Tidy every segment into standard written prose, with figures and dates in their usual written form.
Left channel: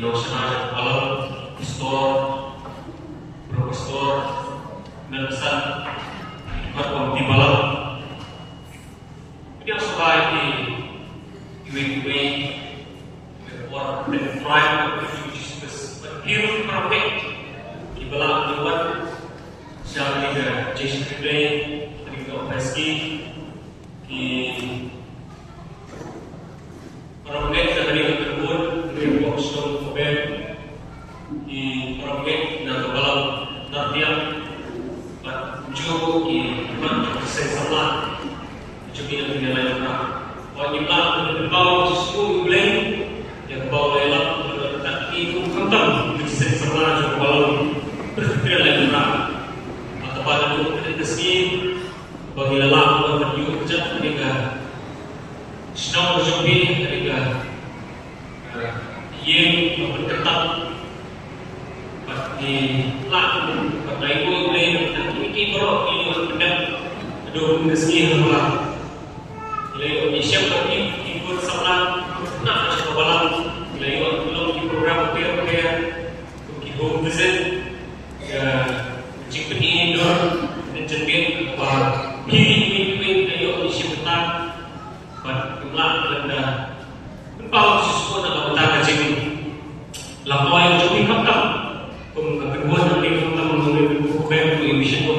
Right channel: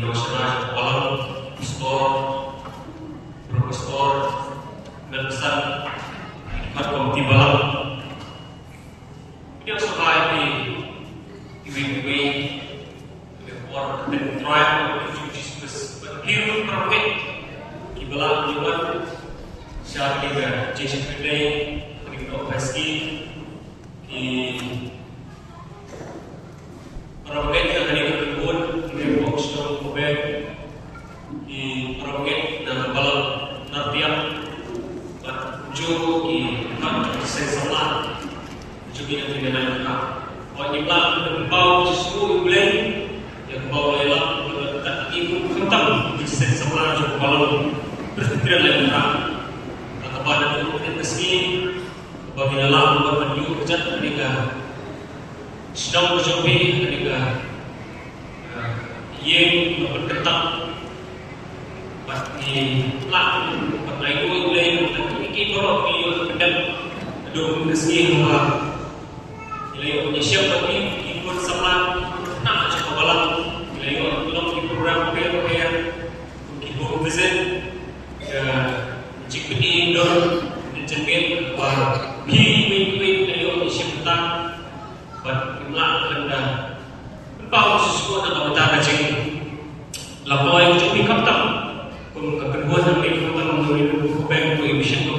Nasional Kuala Pastor Profesor Nelson Komite Balam dia sebagai ibu-ibu orang dan tribe of refugees berkirim projek di Balam juga secara juga Jason Friday di operasi di projek dari Kebun dari Boxstone Mobil di projek dari Balam Nartiam juru di kantor seseorang juga yang tidak lengkap. Wajiblah berbau justru blend yang bau lelang tak itu kentang di seseorang juga bau berpikiran lengkap. Atau pada dulu kita sini bagi lelang berpenyu ujat mereka sedang berjumpa mereka yang berkentang di lalu kerana itu blend Bro, ini pendam dua rezeki apa? Nilai Indonesia tadi ikut sama nak cakap balang nilai belum di program PRPR untuk home visit jika ini dor dan cenderung wah pilih dari Indonesia petang berkelah rendah berpaut sesuatu dalam tanda cing laporan yang cumi kapten pun kekebuan dari kapten menurut program emission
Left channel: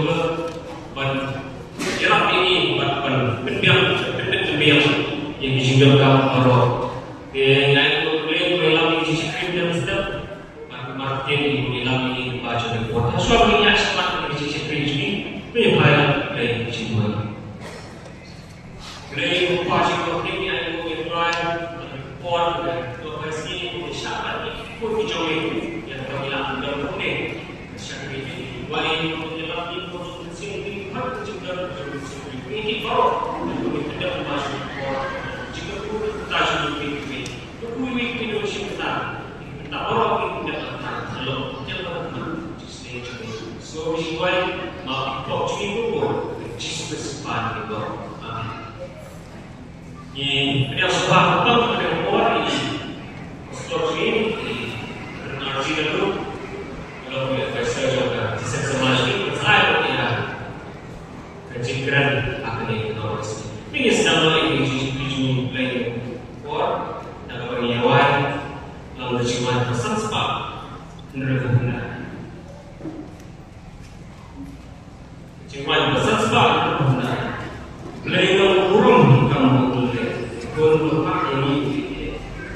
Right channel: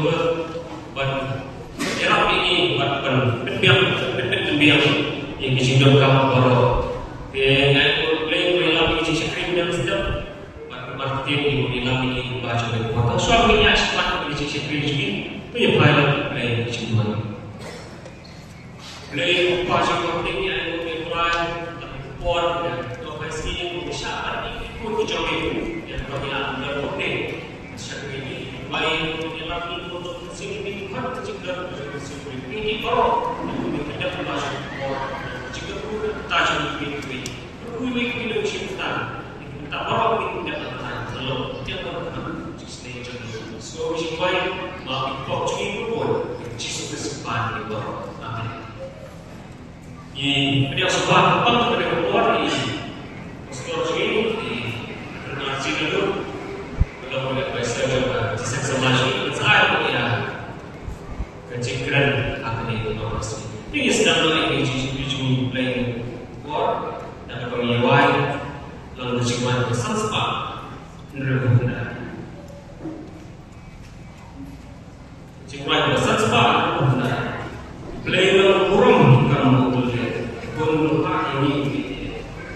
yang disinggalkan para yang lain melami sisi krim dan sedap martin yang melami ini baca dan kota suami ini asal dari sisi krim ini itu yang lain lain sisi mana lain pasien martin yang mulai orang dan lokasi besar itu dijauhi yang berhilang dan boleh seperti ini lain yang lagi untuk sini harus dicegah ini orang tidak masuk jika pun tajam lebih Indonesia petang kita orang tidak akan kalau tidak akan justru so we should try not to talk to people Jesus bersepan itu ini dia sebab apa pada orang ini pastor ini berniat dulu kalau boleh pastor juga disensorasi saya ya kecingkran akan itu ini sedang lagi tujuh lain kuat dan bagi awal lalu cuma bersanspa nervuna cuma bersanspa nervuna beliau kurang kamu boleh pun ini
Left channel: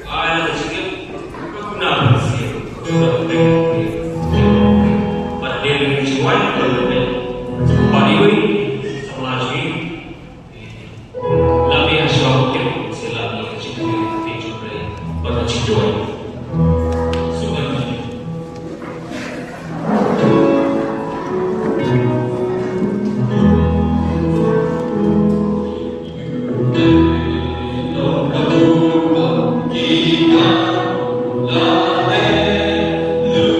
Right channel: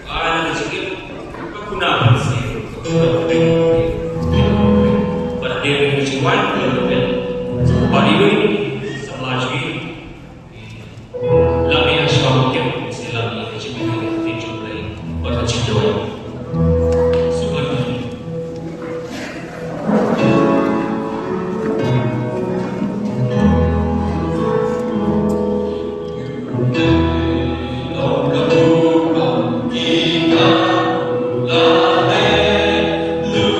ada sedikit kegunaan sih pada dia cuma pada ini sama lagi Lu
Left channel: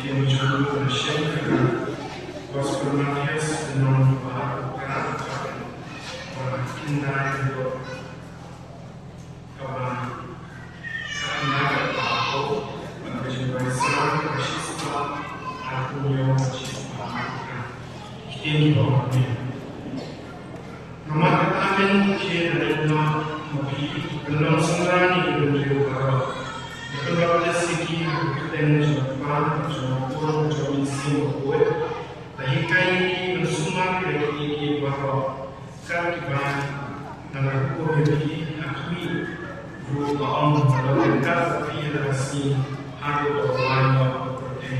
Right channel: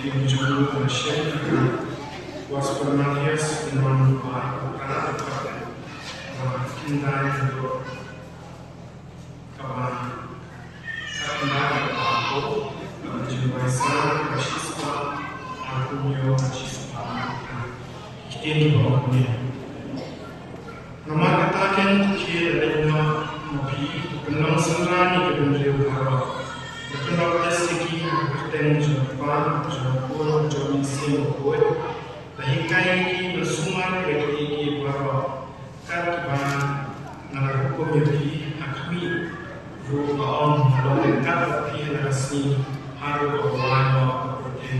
Tim Julu Syekh Gospel Matthias dengan Bapak Indra untuk Indra Bapak Jumasa Kasiswa Aku Yo Kasiswa ini bawahnya nama katakan kira dengan mapi kenal senang di beliau kalau kalau segi dan jawaban jawaban jomisi buat dahikai bersumang dari bahwa katiban nalarko dari akmi rupa on kalau dekat kira si haru orang seperti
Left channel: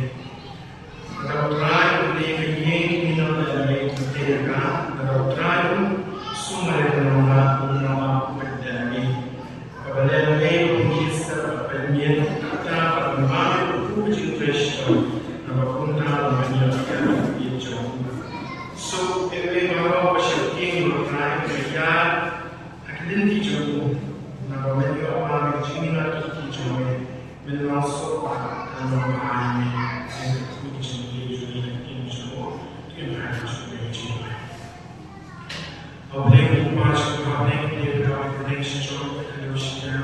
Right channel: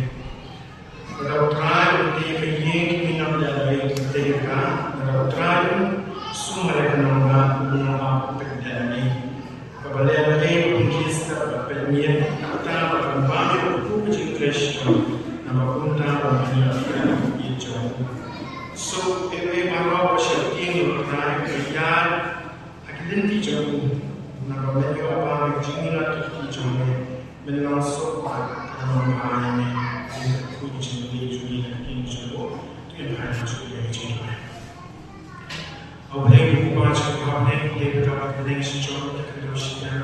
kalau terakhir dari yang minum dari mereka kalau terakhir semua yang nama dari kepada yang kita pengen kita membangun puji Kristus nama punta menjadi hijau. So ini mahu bersyukur kerana mereka akan hijau. Nama mereka orang berjini atau hijau menasuk dalam ini puji hijau yang ada juga hijau. Apabila kita masuk ke dia berkata hijau kita dosa.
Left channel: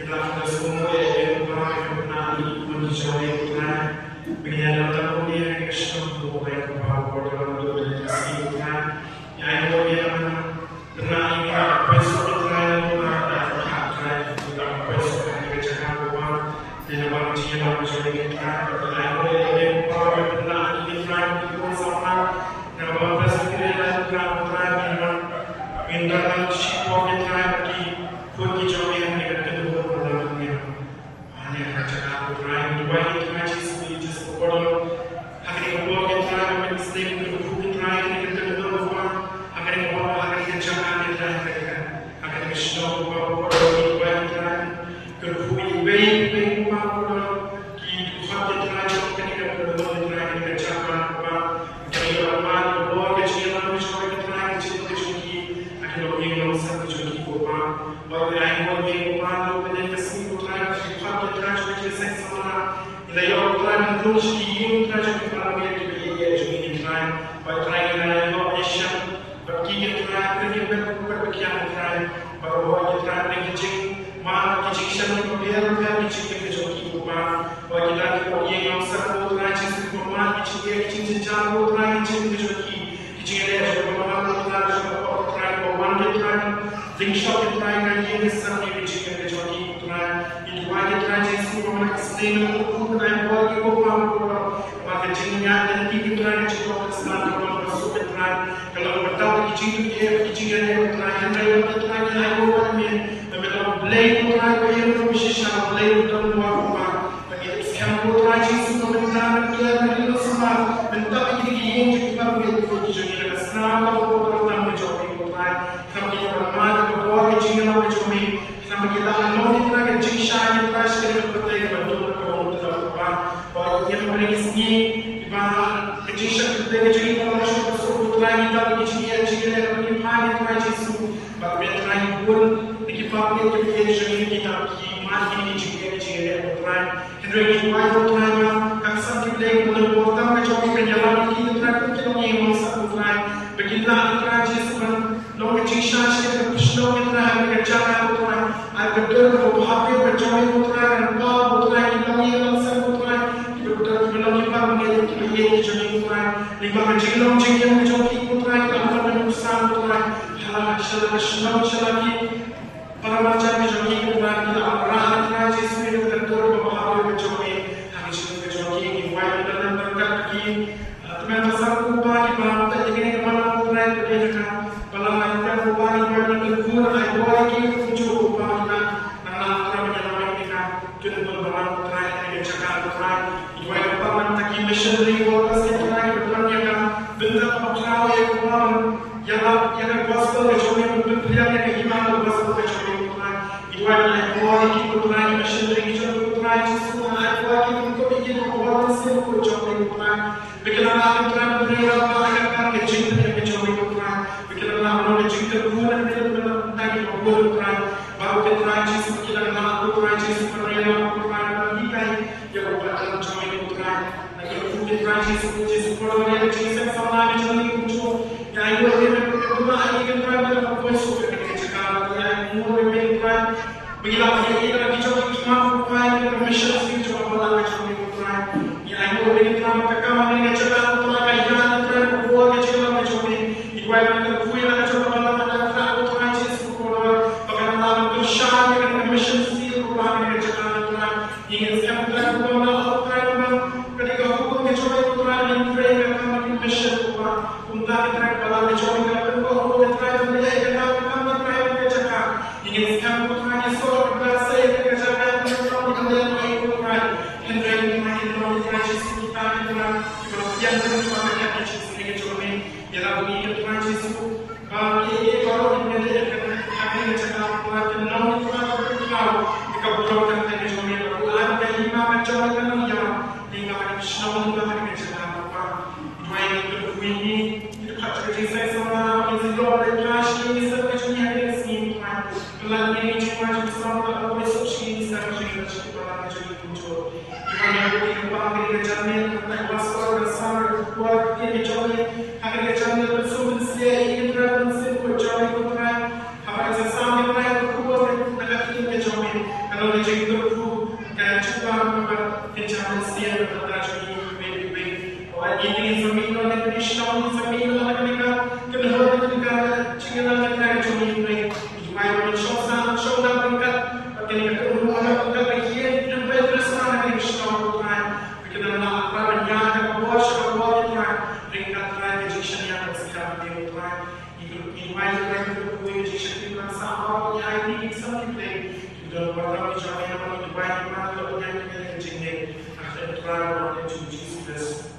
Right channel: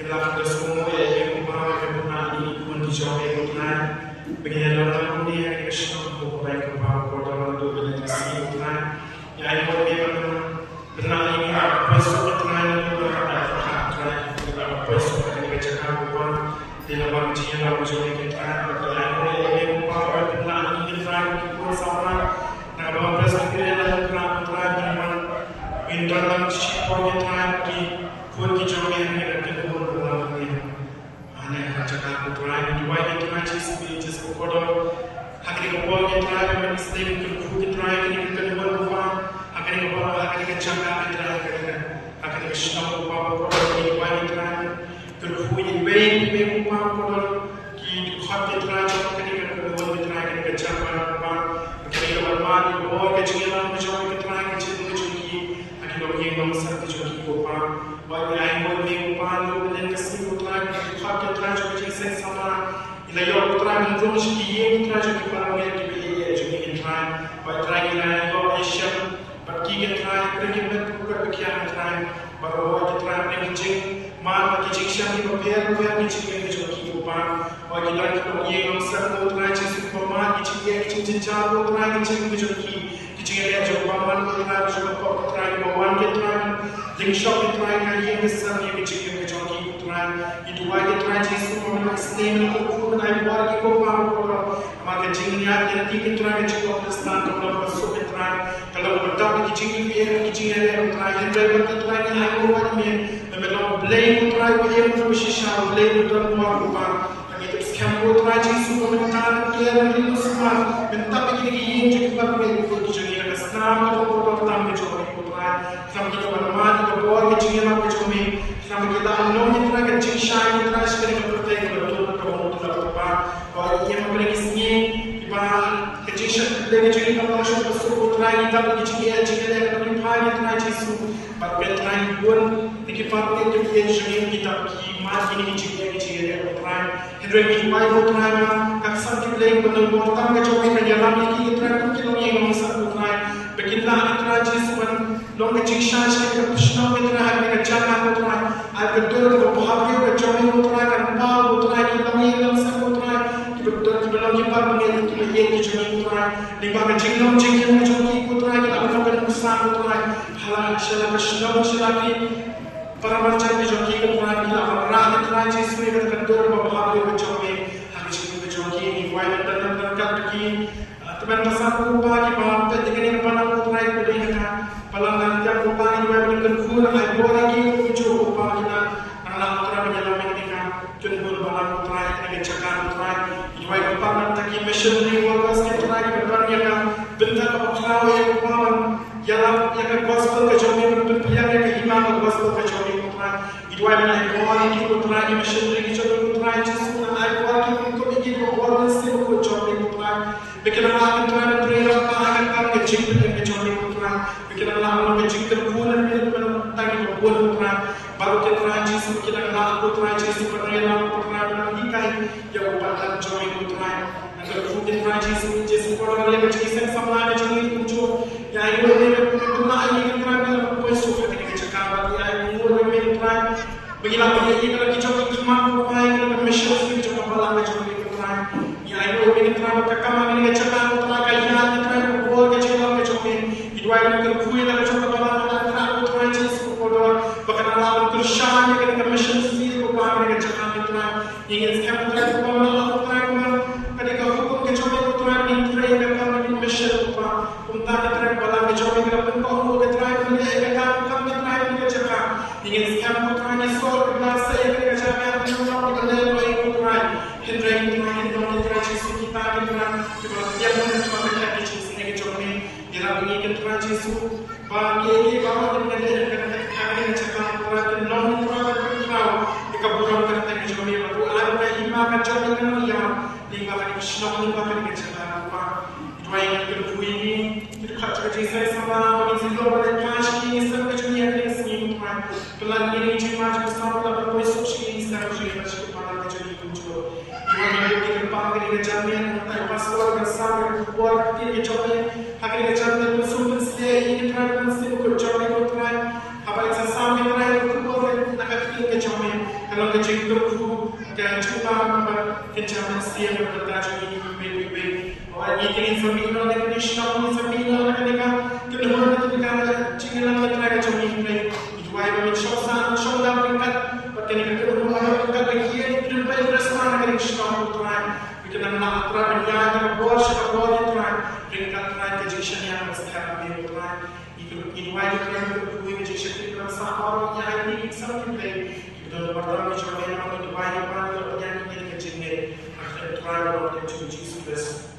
Kita semua yang berada di kondisi yang benar, begini dalam dunia yang semua baik apa dalam dunia yang benar, yang dia benar proses yang benar proses yang bercakap bukan dalam jiwa menjadi kita, yang benar benar bersama dalam proses yang benar dalam siapa kita di kondisi yang Jesus Lord, yang Jesus sama jadi muncul. Yang ini berdoa ini kita berdoa bersyukur ketika cakap yang mulai berdoa. Bila dia kita dicoba iman berdoa kita bersyukur kita coba malam macam ini berdoa. Yang ini berdoa berdoa kita cakap berdoa kajian kita berdoa kita coba macam ini. Itu ada kita punya kita coba malam macam berdoa Jesus berdoa. Bahkan malam bersama kita bersyukur kita berdoa kita cakap berdoa. Ingin sekarang berdoa ketika hukum kecuali Tuhan yang terakhir kami bersyukur untuk kita dalam kecuali kita berdoa kita terakhir kita kami cakap ingin sekarang Tuhan Yesus berdoa kita cakap kita dalam baik Tuhan Tuhan Yesus kita yang Tuhan berkati Yesus kecuali dalam ini Tuhan Yesus bagi kalau kita cakap Tuhan Tuhan berdoa kita berdoa kita kecuali ada iman kecuali Namun bahkan kita cakap apa, itu yang kita ini itu kata Jesus sama ini Lord dan Tuhan ini sampai dunia ini sini Tuhan. Kelan ini cuma bersama dalam besok ini sampai dunia pada jadi muncul. Tuhan yang kita pakai kita jamin kita pasal bersama keluar kita jamin akan kita jamin bersama sedia ini Tuhan mesti berjalan Tuhan. Apa yang sesama Tuhan berkuat akan kita jamin. Kalau kita itu dan cuma kita jamin sedia berjalan. Ini semua orang Kristen, semua orang mereka kedua mereka cinggalan mereka cuma ini. Jual beli shoda mereka, mereka kedua mereka lagi dan bersama dengan Kristen Tuhan. Mereka nama apa mereka buat sebuah Tuhan. Mereka Tuhan kejujuran yang bersedia Tuhan. Itu jual mereka kedua kejujuran itu sama orang yang ini sampai itu pertama jual yang itu banyak orang yang ini kejujuran. Akhirnya Tuhan berdoa Jesus.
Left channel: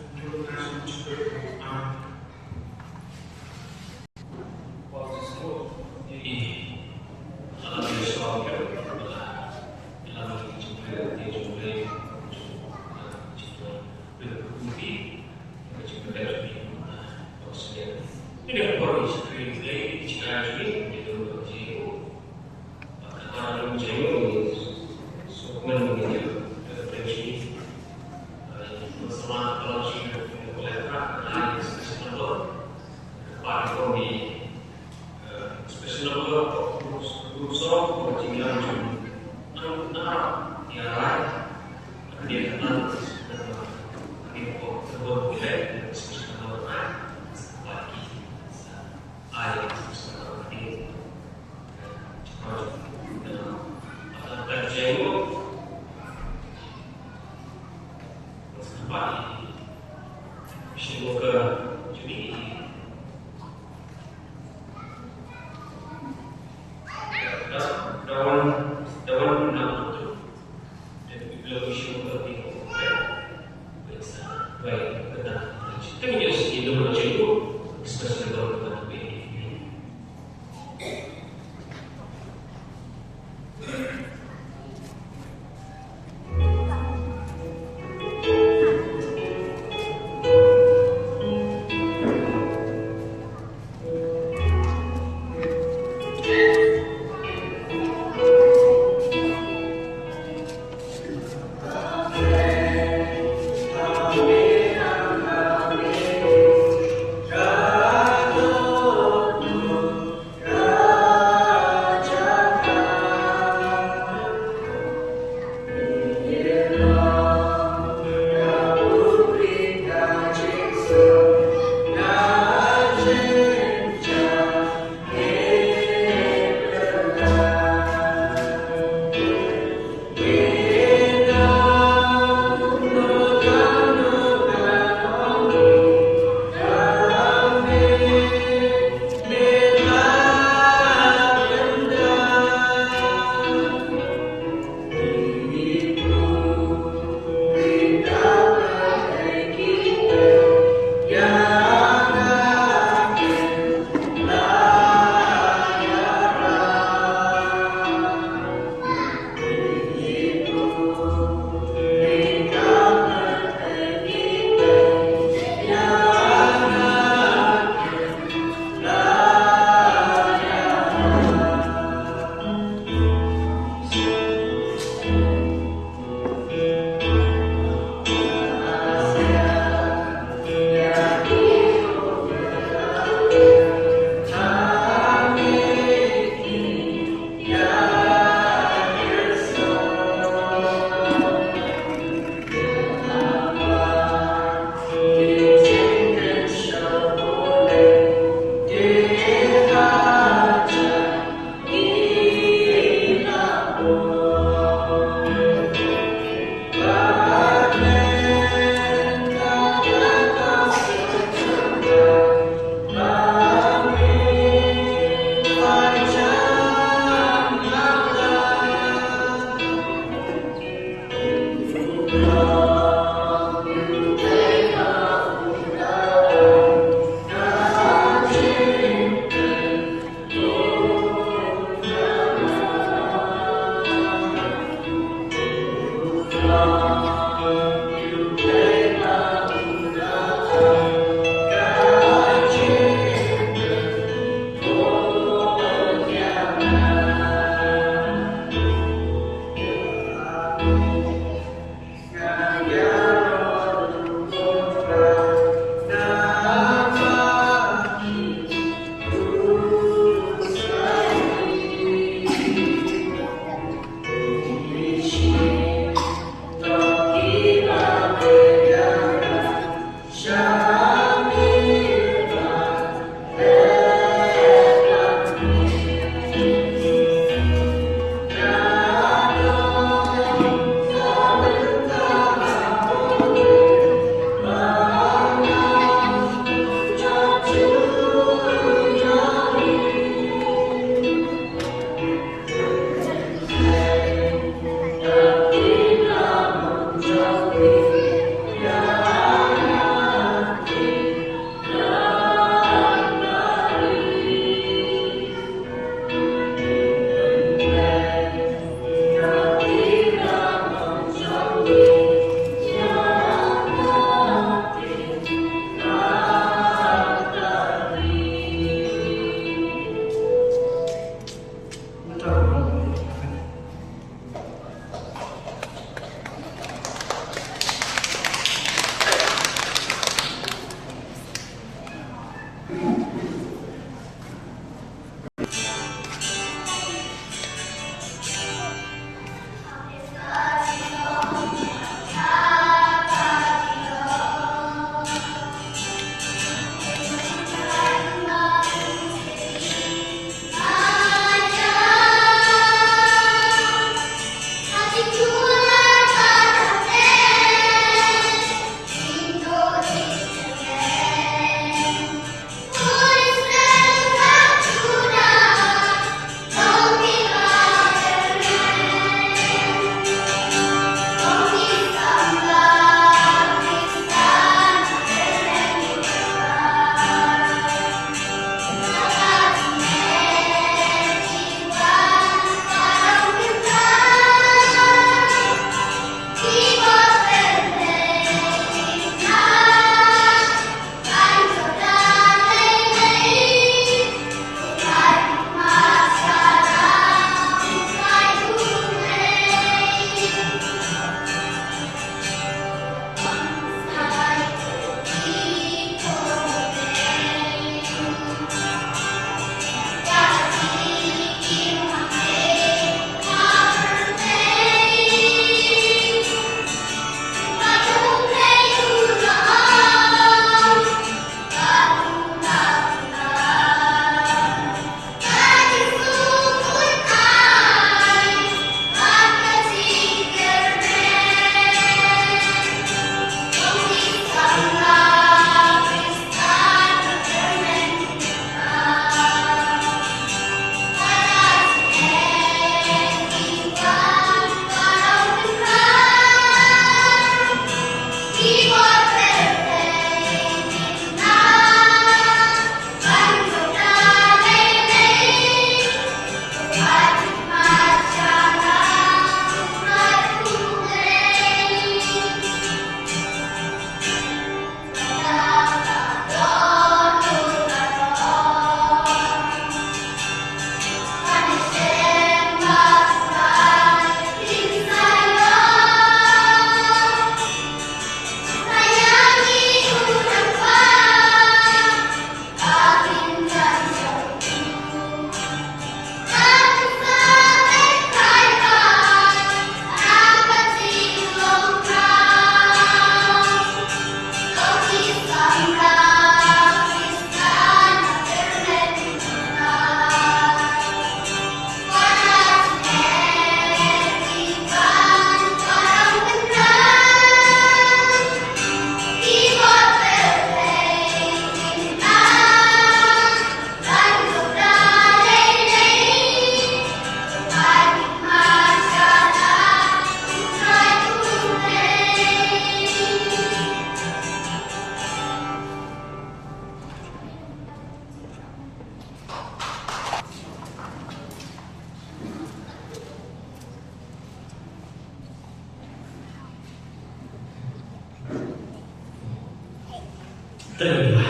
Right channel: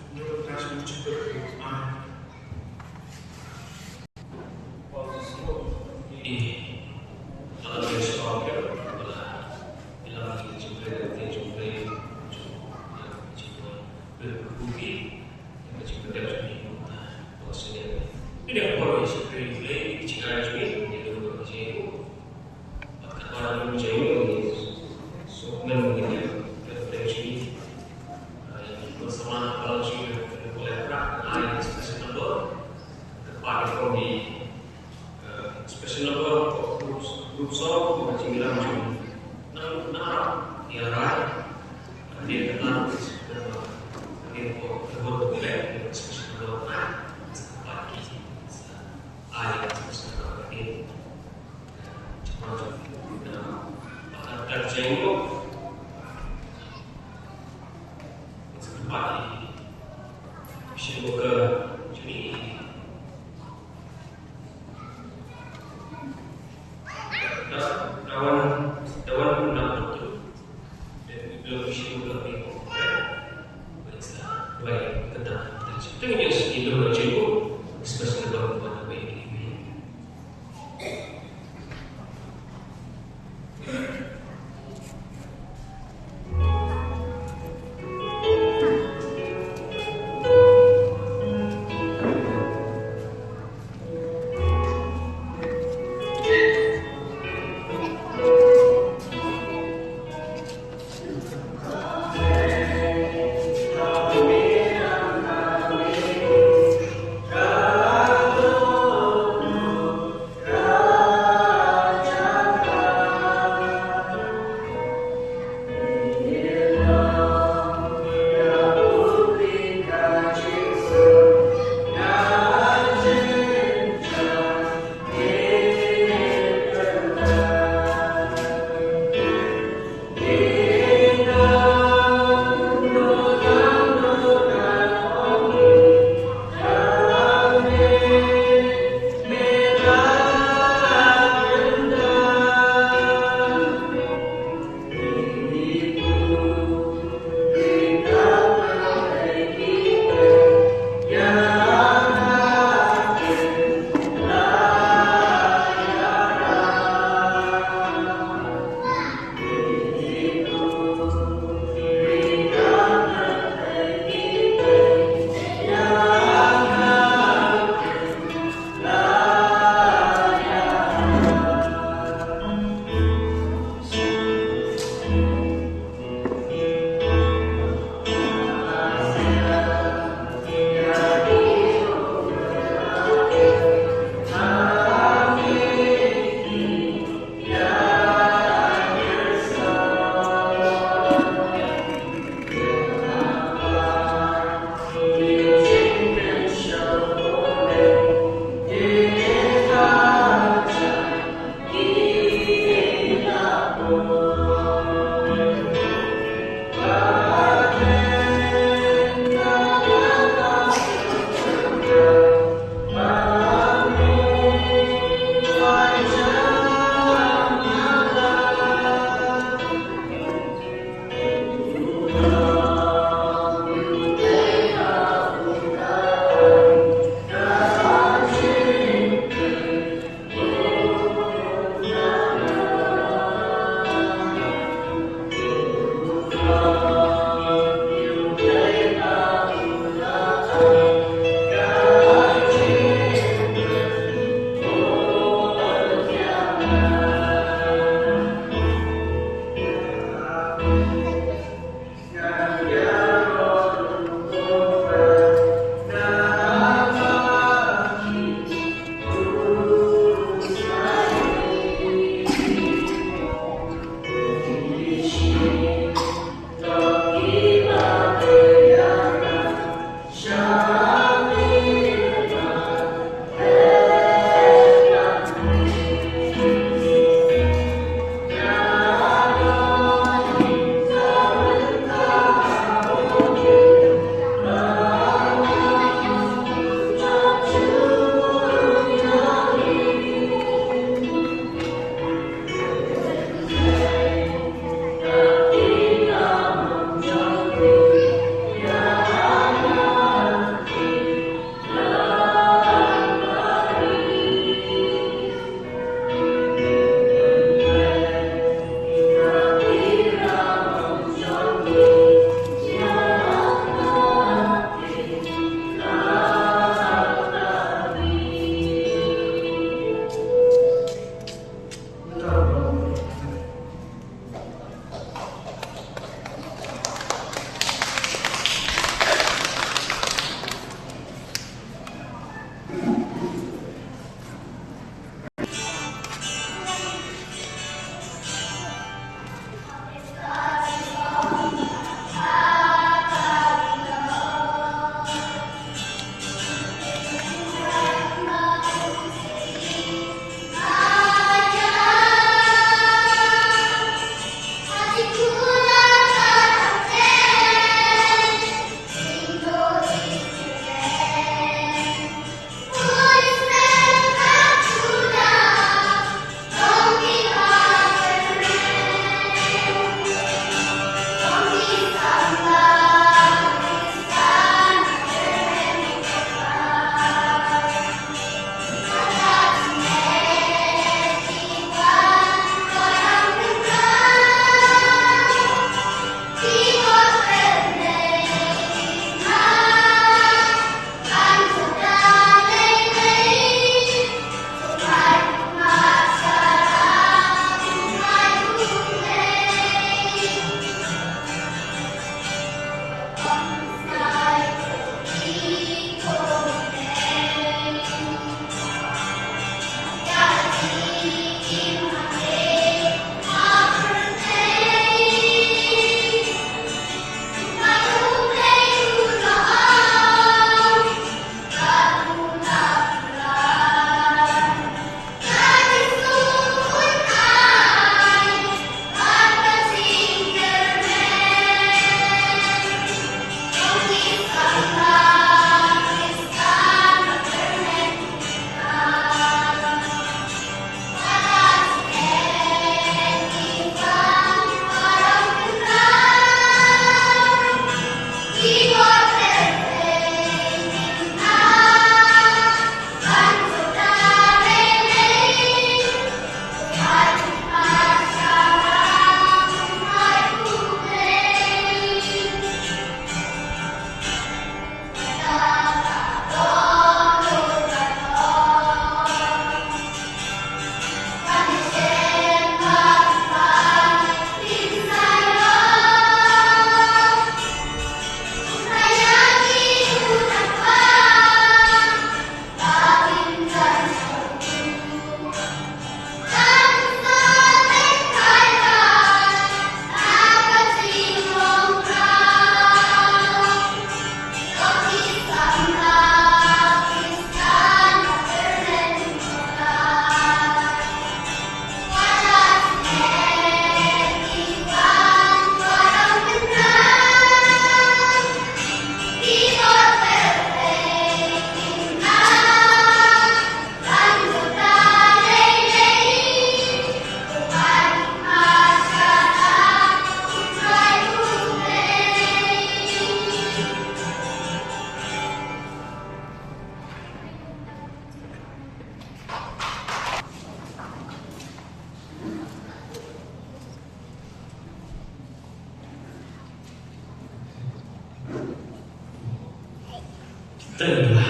Terima.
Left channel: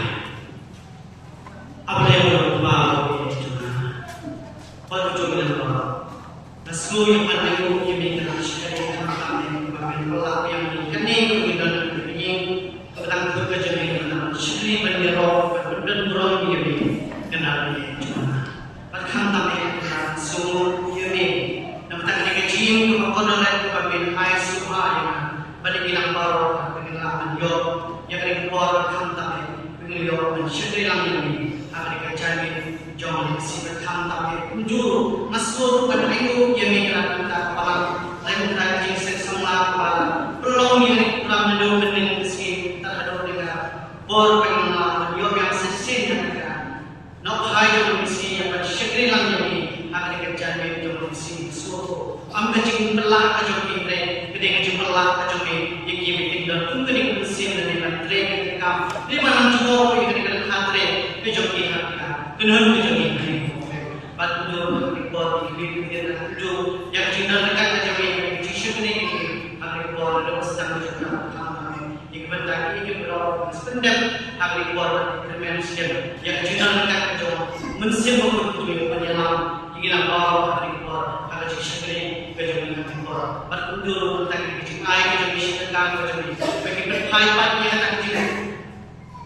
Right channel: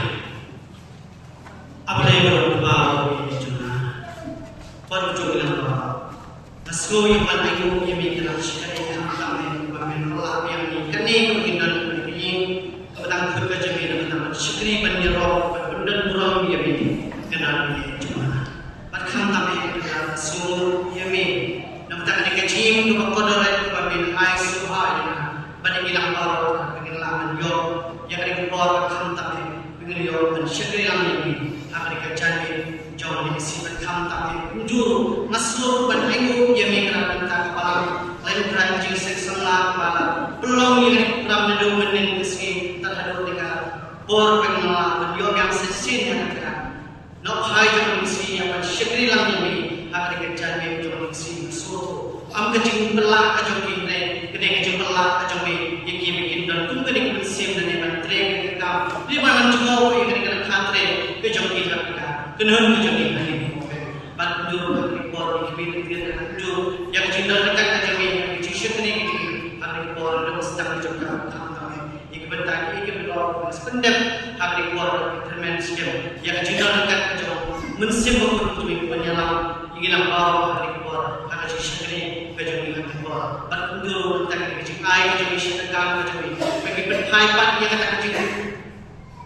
Apa yang berbau juga, baru juga nama. Masnu yang mana yang mungkin kita sekali kami. bilang baru bikin laman yo yang ring kuar kham tapi bikin yo dan syekri lang ini Afrika jadi jauh lebih sibuk kham tapi juru masuk ban ayu yang menggerak kita kepala lain ranjing seksual kepala belum yang kurang menunggu dengan meski terhadap dengan bor pengenalan yo yang sesin yang kan nak hai jauh meski yang syekri lang ini Afrika jadi jauh meski masuk am kecing belah kajong pintai kedai kajong belah kajong yang bikin dan tu kedai mesin dan yang train kita di mana juga yang kedai kantre kajong kita kenal kajong kita ni pada dulu buat bikin dia tu yang cinta dekat kajong yang kecil ni hari buat ada sedang juga kami ikut lagi ikut berlaku sependek hari buat dimension yang cinta dekat kajong mesin memperkuat penyelam ingin apa hari buat ada sisi kajong yang buat pada dulu tentang kecil air kajong sedekah kajong bagi berpai yang kata kecil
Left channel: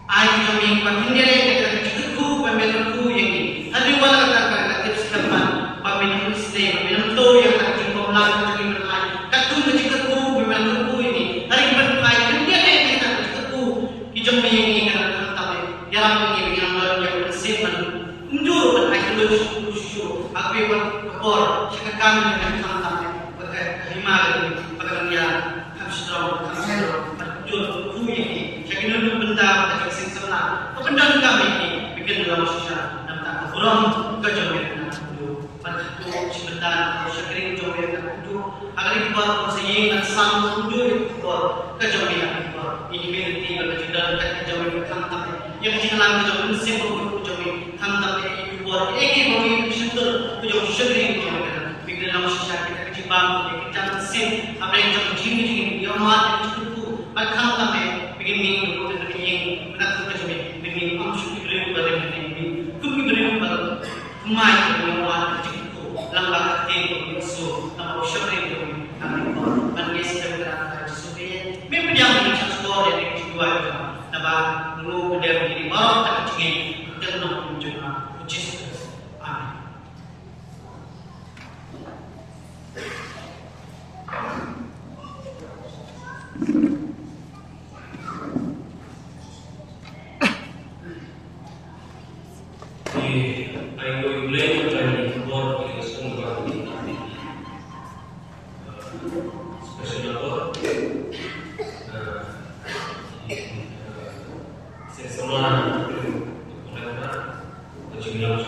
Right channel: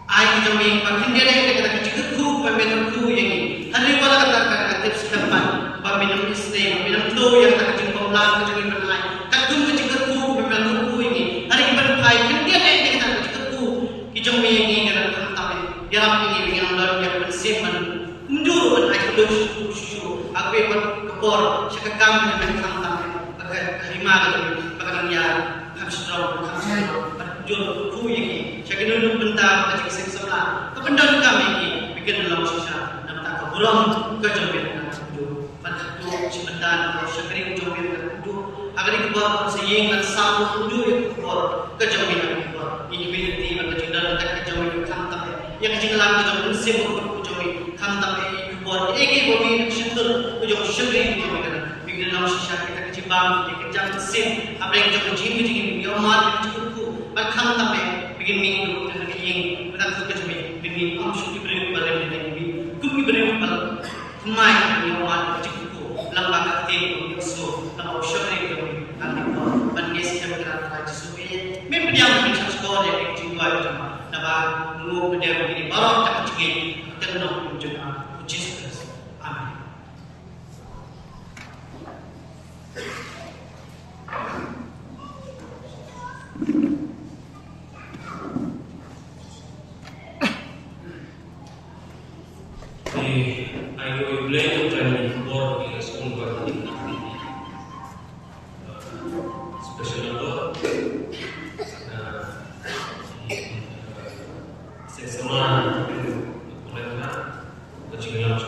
air kajong pakai dia kata kecil tu pemilu yang ini hari buat kata tips depan pemilu Islam pemilu tu yang kata kecil komlang kajong mana katu kecil tu pemilu ini hari berpai dia kata kecil tu kajong ini kata tapi yang ini yang yang bersimpan mundur air tu aku berkor sekakam yang Himar pagkakanya hamstrong berjul kuyi sekian benda kecil sengsara kependan kami bikin dalam sosial dan tak belum kejodohan itu pada itu sebentar sekering jodoh itu agar kita sehingga dan sama itu kejodohan itu ini berarti kecil dalam kejodohan kantor yang kecil dalam kejodohan siapa kejodohan kantor itu buat eki bagi sentuh kejodohan sekering bikin dalam sosial kita kecil bang jangan sin apa yang jangan jini yang mat itu bahkan sampai bikin minggu dan bikin benar benar cuma bikin amsuk diberi pada ini kumi beri pada mai yang wan itu langkah kecil yang so tahu siapa itu kami dan guys yang berada di sini memang yang macam story yang kedua itu nabah lu kedua ini baru tak kecil dan nak juga Jesus amin. Ayo belajar dari buat kita semua ini, spesial apa? Sesama mereka berjumlah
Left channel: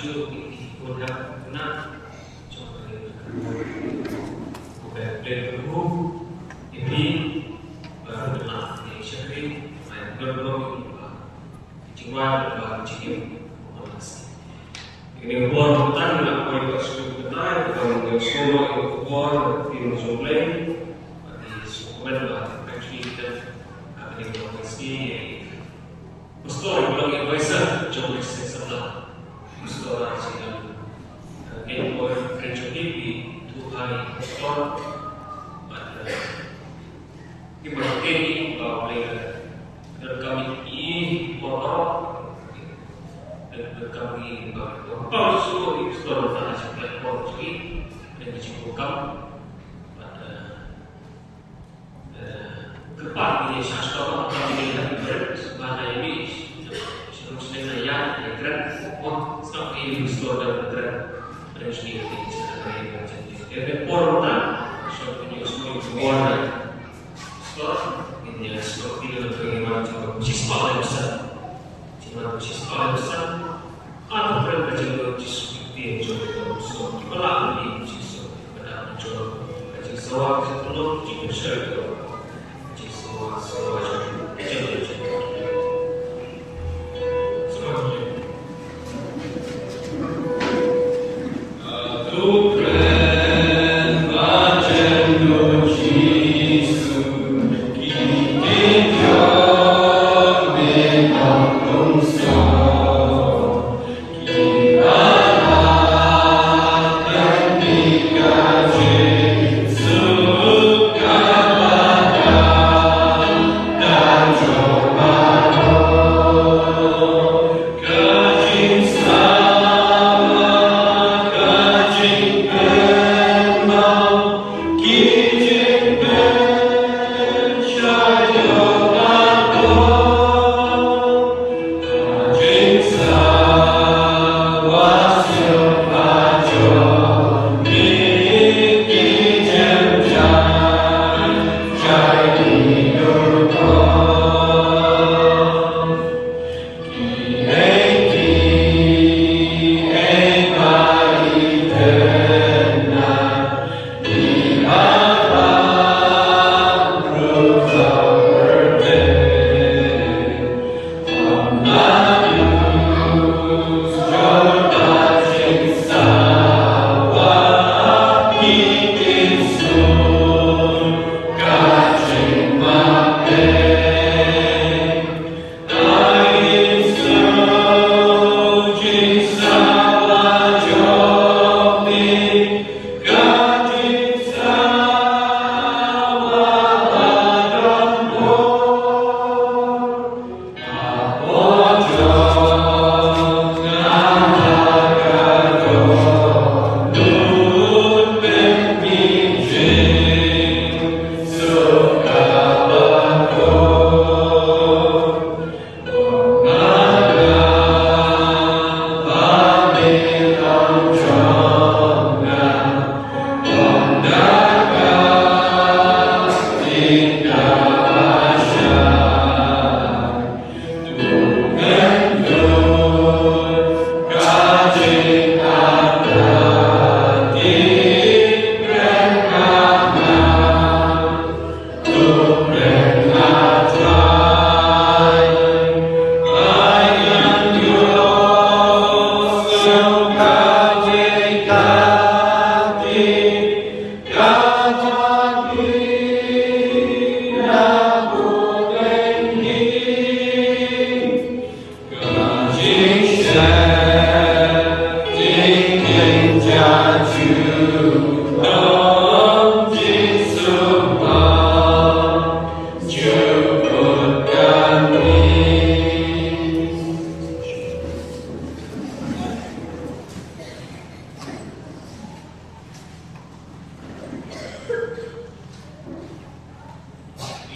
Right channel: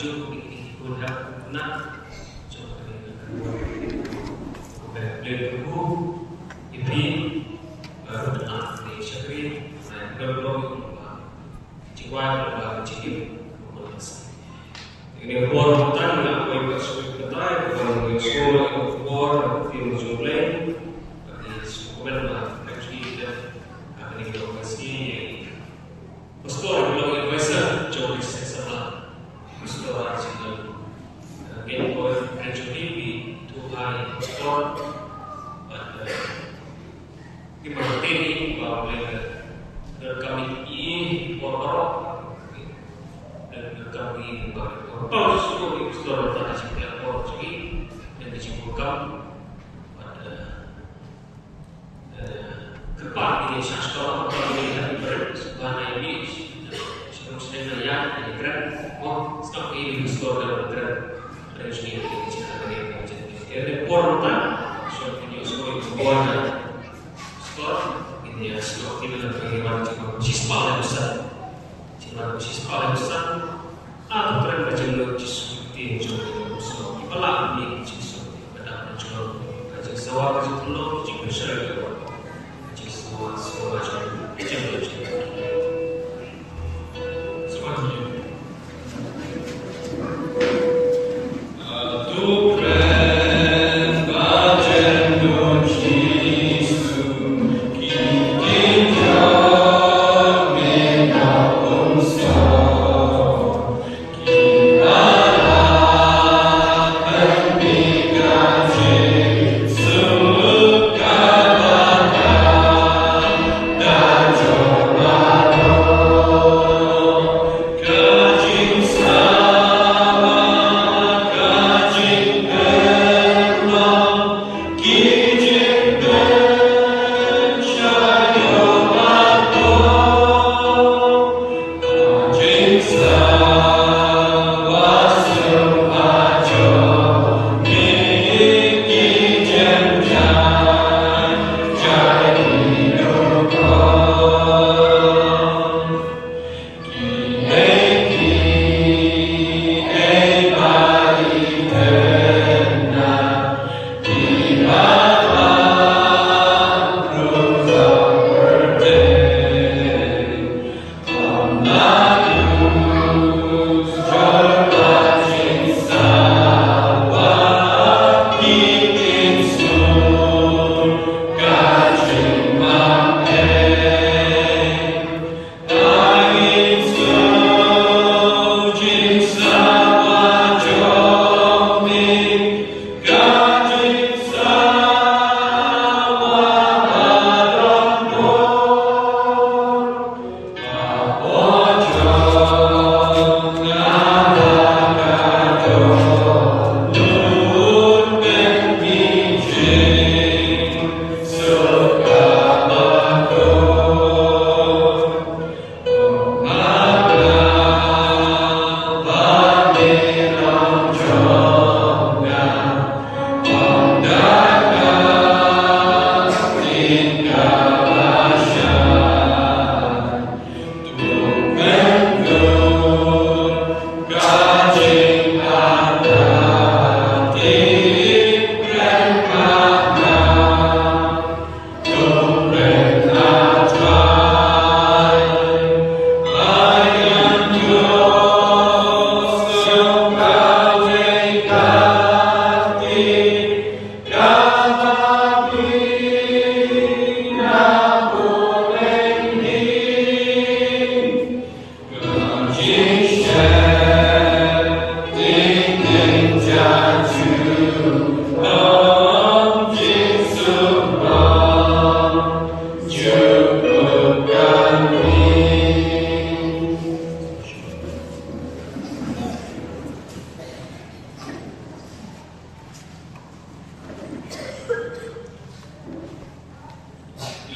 juga udah kena berlaku ini baru benar di syakri baru jiwa baru jiwa ini bor bukan dengan apa yang sudah kita bukan yang solo itu bor film zoom-lain di sekolah lah actually kita akan dikasih Pastor bilang advisor jauh lebih sebelah pastor asyik game boy kerja di Tuhan pastor kita berhenti kalau boleh kami ini orang dan kami kalau semua di pastor pada sebelah orang sini dan di sini bukan kepat ini sastra kami lihat bahasa Inggris sebelum sedang yang gerak sekarang ini pastor dalam gerak dari sini dari jadi porta seperti semua orang pastor ini seperti bagaimana siswa yang besar siswa yang besar atau berapa jalur seperti jodoh seperti pelan di pada jodoh kajian sawah kajian penuh jika besar itu semua jodoh Joy.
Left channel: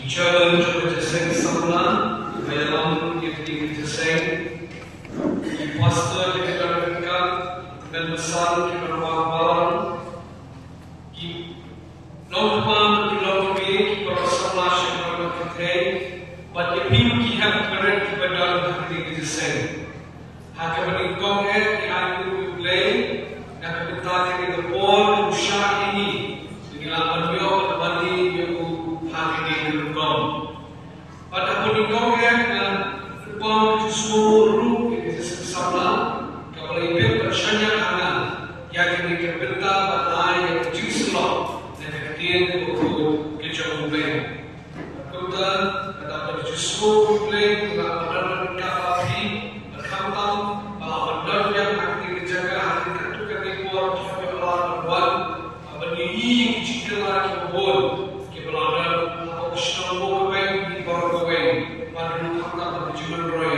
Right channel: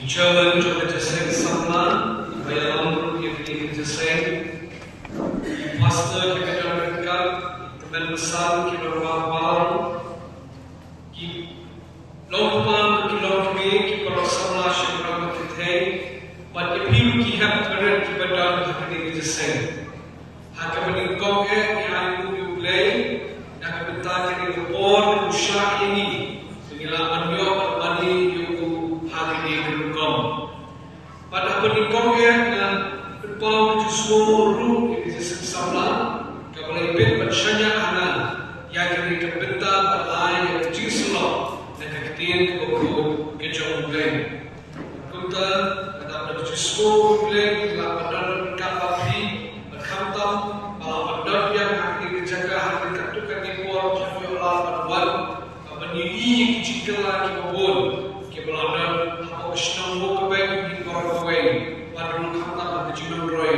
German Church Seng Samlan, Bayalam Yakni Seng, Pastor Kekatan, Teman Besar Kibarwal, Lompan Kilombi, Kibarasama Shemra Makete, but the people ki have correct Kibadan Hakini Seng. Hakabani Koke, Kihan Play, Nakabitaki the Port, Usha ini, Singila Anyo, Bani, Yu Hakini. Pada peningkauan dan berpon kesuuru itu sabla kapal ibet bersyanya ana yang dikebentar batai yang kecil sulap dan keketin buku kejauh lain. Kota kata pada kesuuru lain telah benar kapapi berkantam bahwa benar yang akan dijaga hati ketukan dibuat jauh berbuat abani kecil lagi bobol kebelahan apa kesenang bukan Warway, Wadun Kata, the Juno Roy,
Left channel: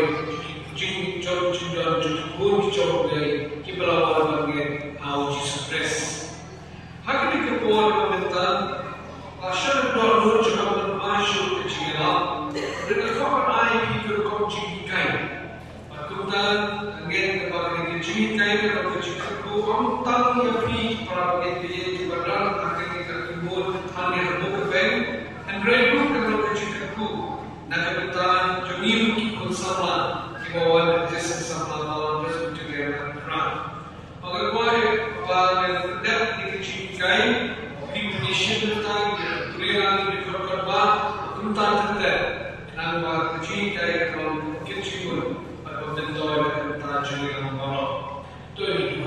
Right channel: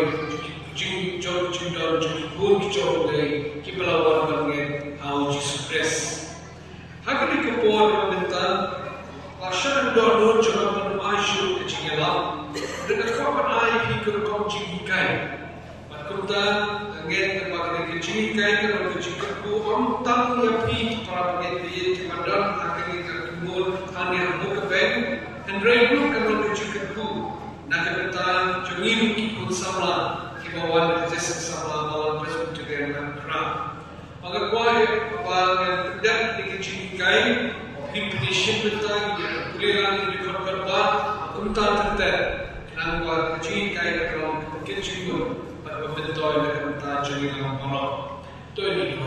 Jim John Judah, Good Joe Day, Kibla Warway, how Jesus Press. How can you compare with the Asher Dor Job Ashu Chingala? The common eye he could come Jimmy Kai. Akuta, again, the Jimmy Kai of the Chicago, I'm telling you, feet, probably the Madan, Hakan, more, Honey, Book and Red Book of the Chicago. Nakabita, Jumim Kikun Samla, Kibawan, Jessica Samla, all present together and crown. Magakwari, Papalan, Dep, Nikichi Kai, Pinkinishin the time, Kuliran, the Kokarba, Kunta, and Angwa, the Chin Kai from Kitchen, but of the toilet and Tajani Polo. Tony,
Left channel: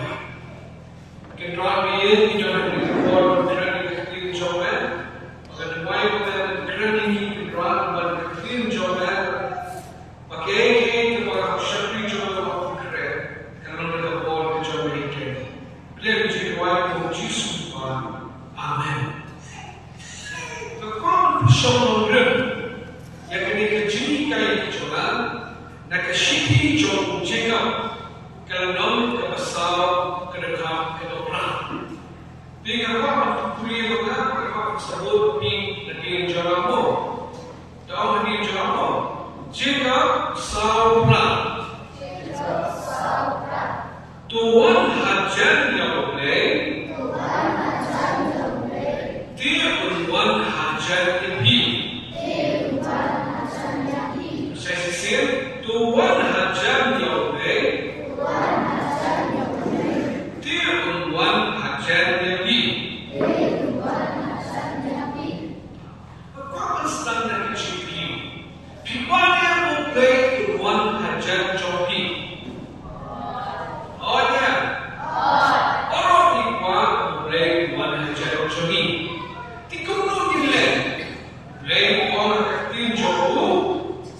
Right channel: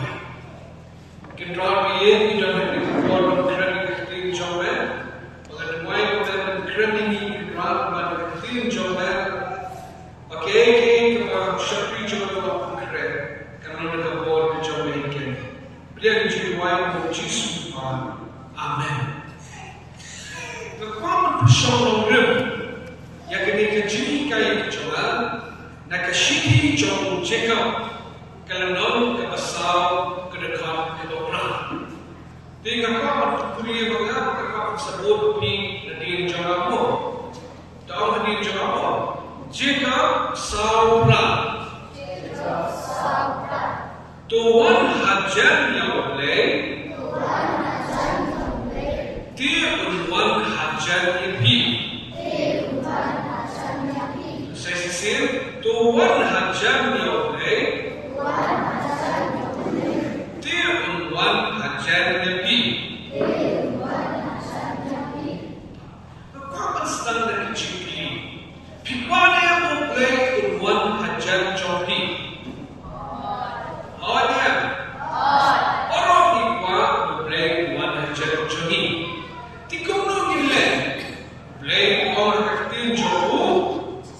can draw me in your form of credit clean job, but the wife of them credit brought by Film Jobat, okay, to Shapri Jobat, cannot afford the Jamaican. Please, you wife of Jesus. Amen. The common Shon Rim, Yakanika Jimmy Kai Jolan, Nakashiki John Jacob, Kalanam, Kabasau, Kadakam, and Obran. Being a common Korean of that, the common support being the Dean Jolamo. Tahu ni jawab. Jacob Saura. Tuhan hajar yang boleh. Dia Tuhan hajar lebih. Saya sisir. Tuhan hajar yang boleh. Dia Tuhan hajar lebih. Kau standar kecil. Pipanya memulai Tuhan hajar jopi. Oh ya. Orang Pipanya memulai Tuhan hajar jopi. Tikung nilai. Mulai orang kecil jopo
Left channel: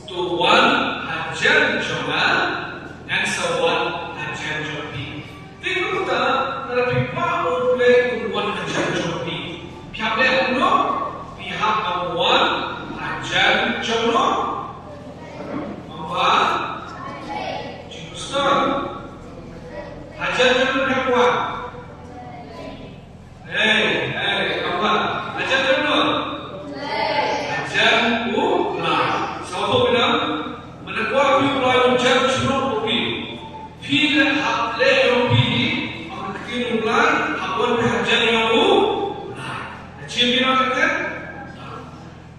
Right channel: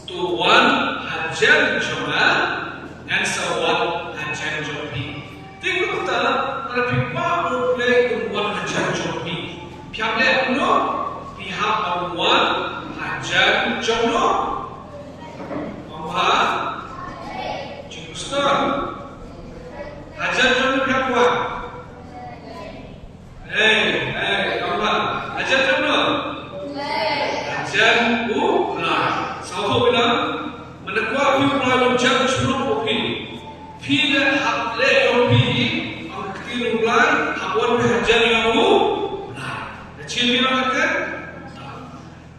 Tuhan hajar jona dan sawat hajar jopi. Tikung tak pada Pipanya memulai Tuhan hajar jopi. Piamnya uno pihak Tuhan hajar jono. Ajar kamu berapa? Apa? Ajar kamu? Ajar ulang. Siapa bilang? Menekuat ulang ajar cuma kopi. Bila hak kopi, aku kira ulang. Hawan ajar yang ulang. Kecil bilang kan?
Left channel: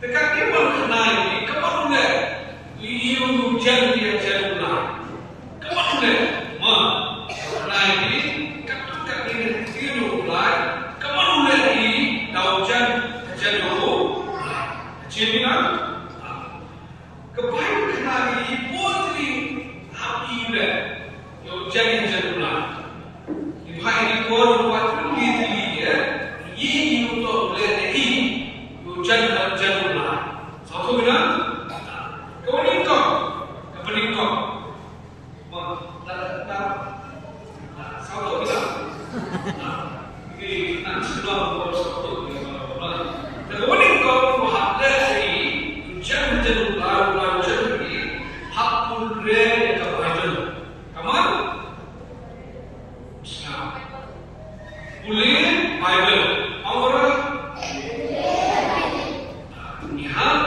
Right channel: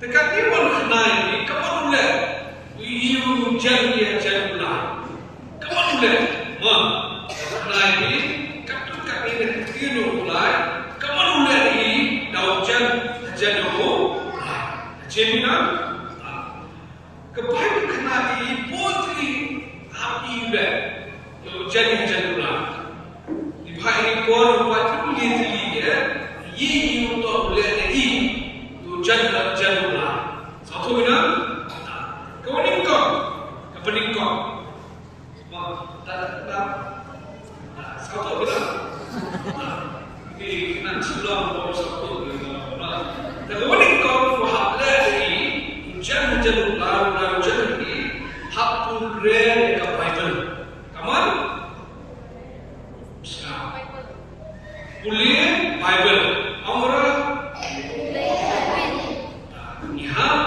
Dekat ni mana kenal ni? Kamu ulang. You jangan ajar ulang. Kamu ulang. Jadilah kebanyakan kenal ini putri api udah jadi hajar di hari kau buat tulis dia ini untuk boleh ini jadi hajar satu bilang kau ni kau apa ni kau satu bilang ini nanti sudah bawa satu kau ni kau jangan lalu jadi hakul re yang Bible. Kamu? Boleh Bible. Orang? Lihat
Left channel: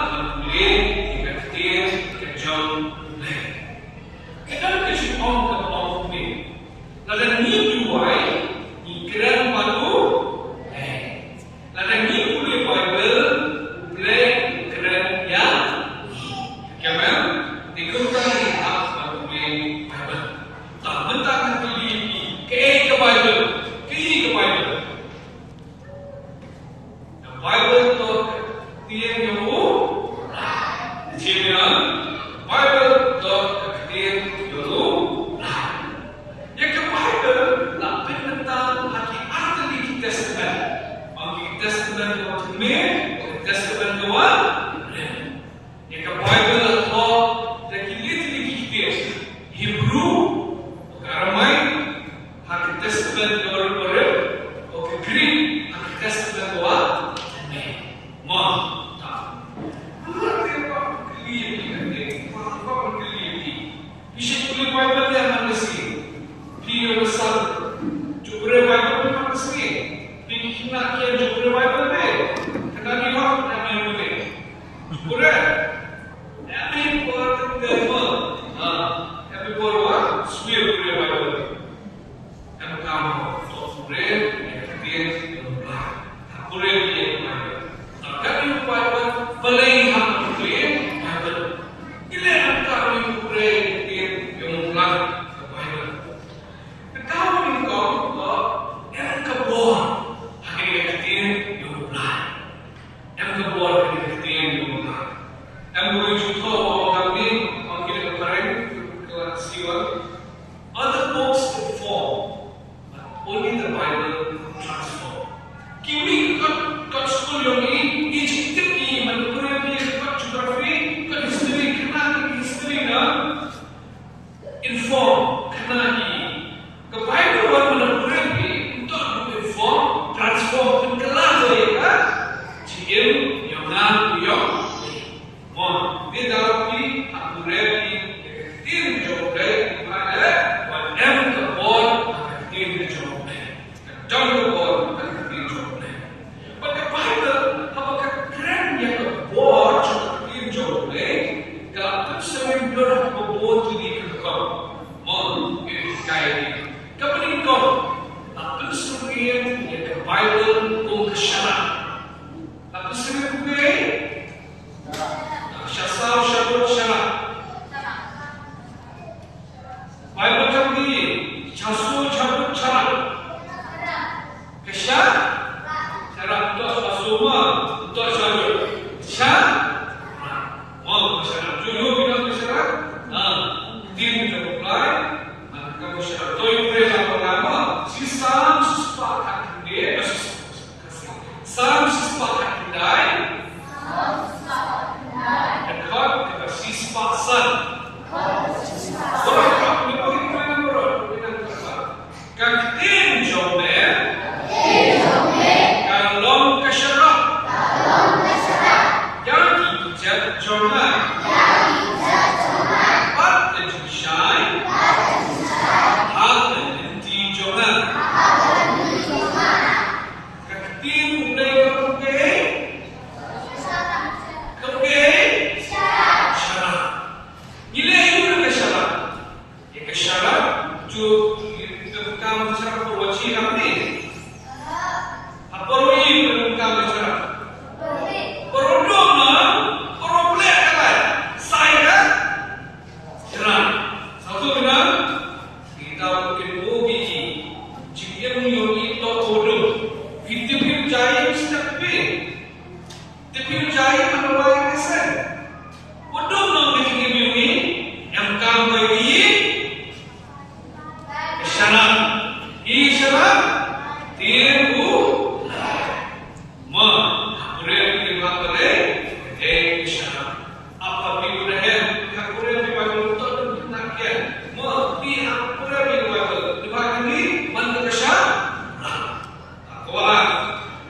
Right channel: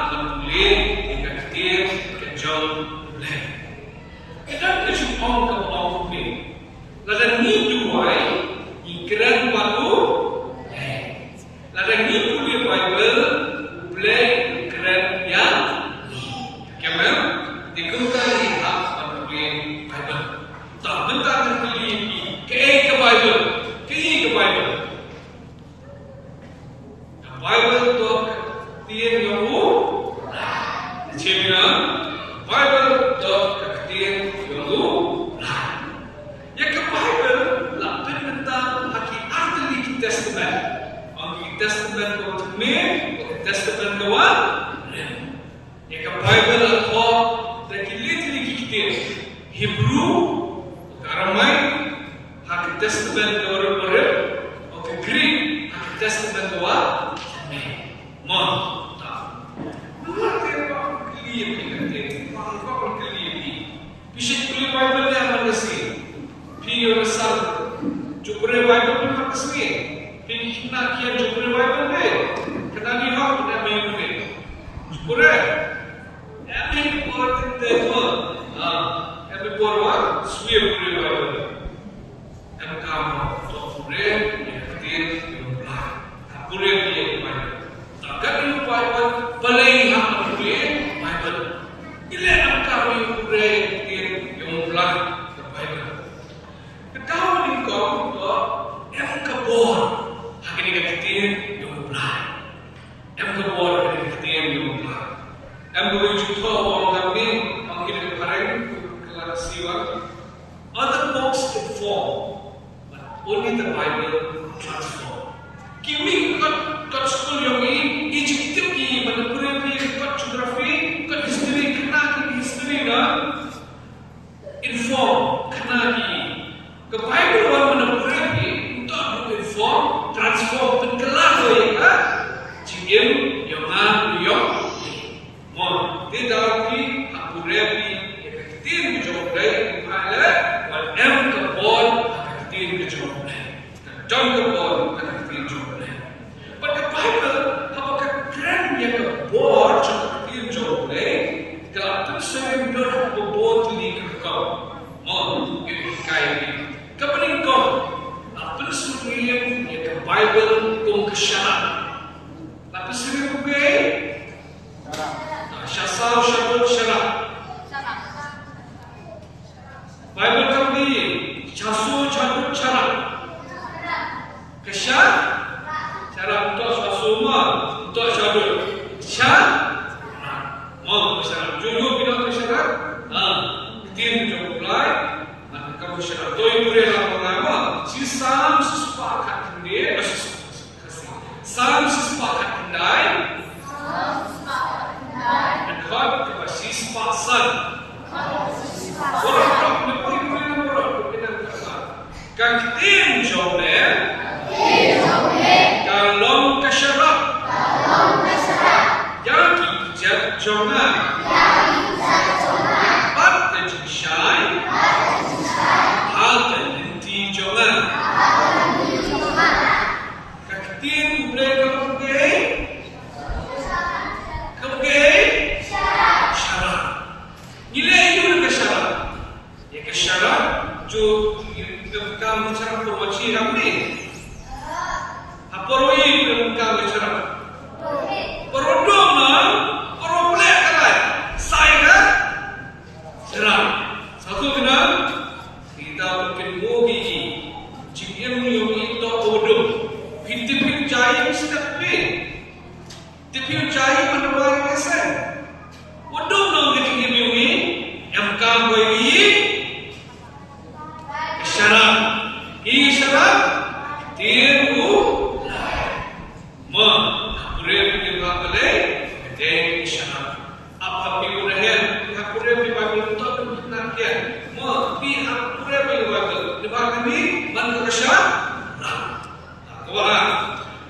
Cina Bible dot keketin dulu. Ya ke Bible lah tentang lagi ahli Testament. Ahli Testament Ottoman, Testament Noa. Ya ke Bible apa? Lagi keketin Hebrew, Aramai, ahli Testament Noa. Oke Greek, ahli Testament Noa. Mau tak? Bisa kulit Bible yang mana sih? Video besar, jumlah Bible pun mana sih? Pilih nak kian jumlah Bible deh. Kenal ni hak yang yang deh. Jumlah, yang ini buat tema. Yang dibuat apa? Swear jumlah Bible. Yang kamu jumlah yang ketiga jumlah. Jumlah yang Bible. Takkan ini Bible paling hak jumlah Bible. Ila yang kamu jumlah yang ulang ke Bible. Kau ni kau yang kebor, hanya dikatin yang ulang. Yang kebor hanya dikatin yang ulang. Yang berjuta orang ni, orang kita kemarin kelas siwa. Other books conform, but only the Bible transform. Kimi kat school yang ini, Egypt ni, mana kurang ni kat geografi, kat history, kena history na. Inform, kenali. Ke Bible orang menemukan ini untuk inform, transform, tenggelam mereka. Jika yang nam yang mau tidak ni, aku ready. Yang ketin job day, ada whatever the board, aku ketin job day. Jangan the board, aku ketin job day. But the Bible, apakah keren yang the board, aku ketin job day? Kalau sering dorang membuat ini kekau, mau ini kaya. Kemudian kau, apa sering yang ke Bible kau kesyarat? Apa sering kau ke? Syasar syabut syarat. Bible kami syasur syabut syarat. Kesyarat? Syarat untuk semua, untuk syabut. Syarat? Mau kesyarat? Jujur kita kesyarat? Tim apply. Kamu syarat tu yang boleh lama. Si salam sesepakat dia, salam sesepakat kendai. Dekat kita si sepasang. Orang kan tim jomel. Kalau kesyarat. Yang kita jomel.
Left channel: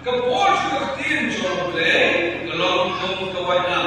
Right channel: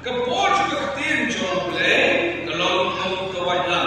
Kepor juga ketin jomble kalau kamu ke Wajah,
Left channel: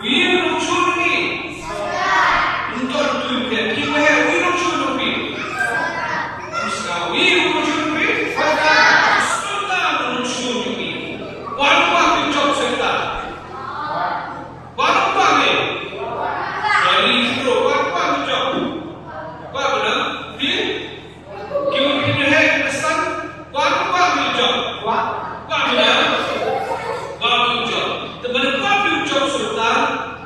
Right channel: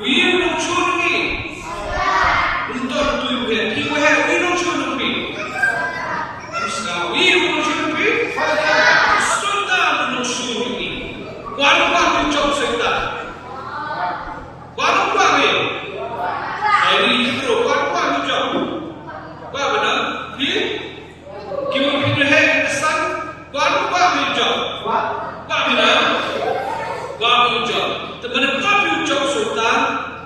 We don't choose me. Don't do it. We don't choose me. We don't choose me. Sultan don't choose me. One part job Sultan. One part me. Jadi itu one part job. Apa benar? Dia kita punya head pesan one part job. Apa benar? One job. Teman part job Sultan.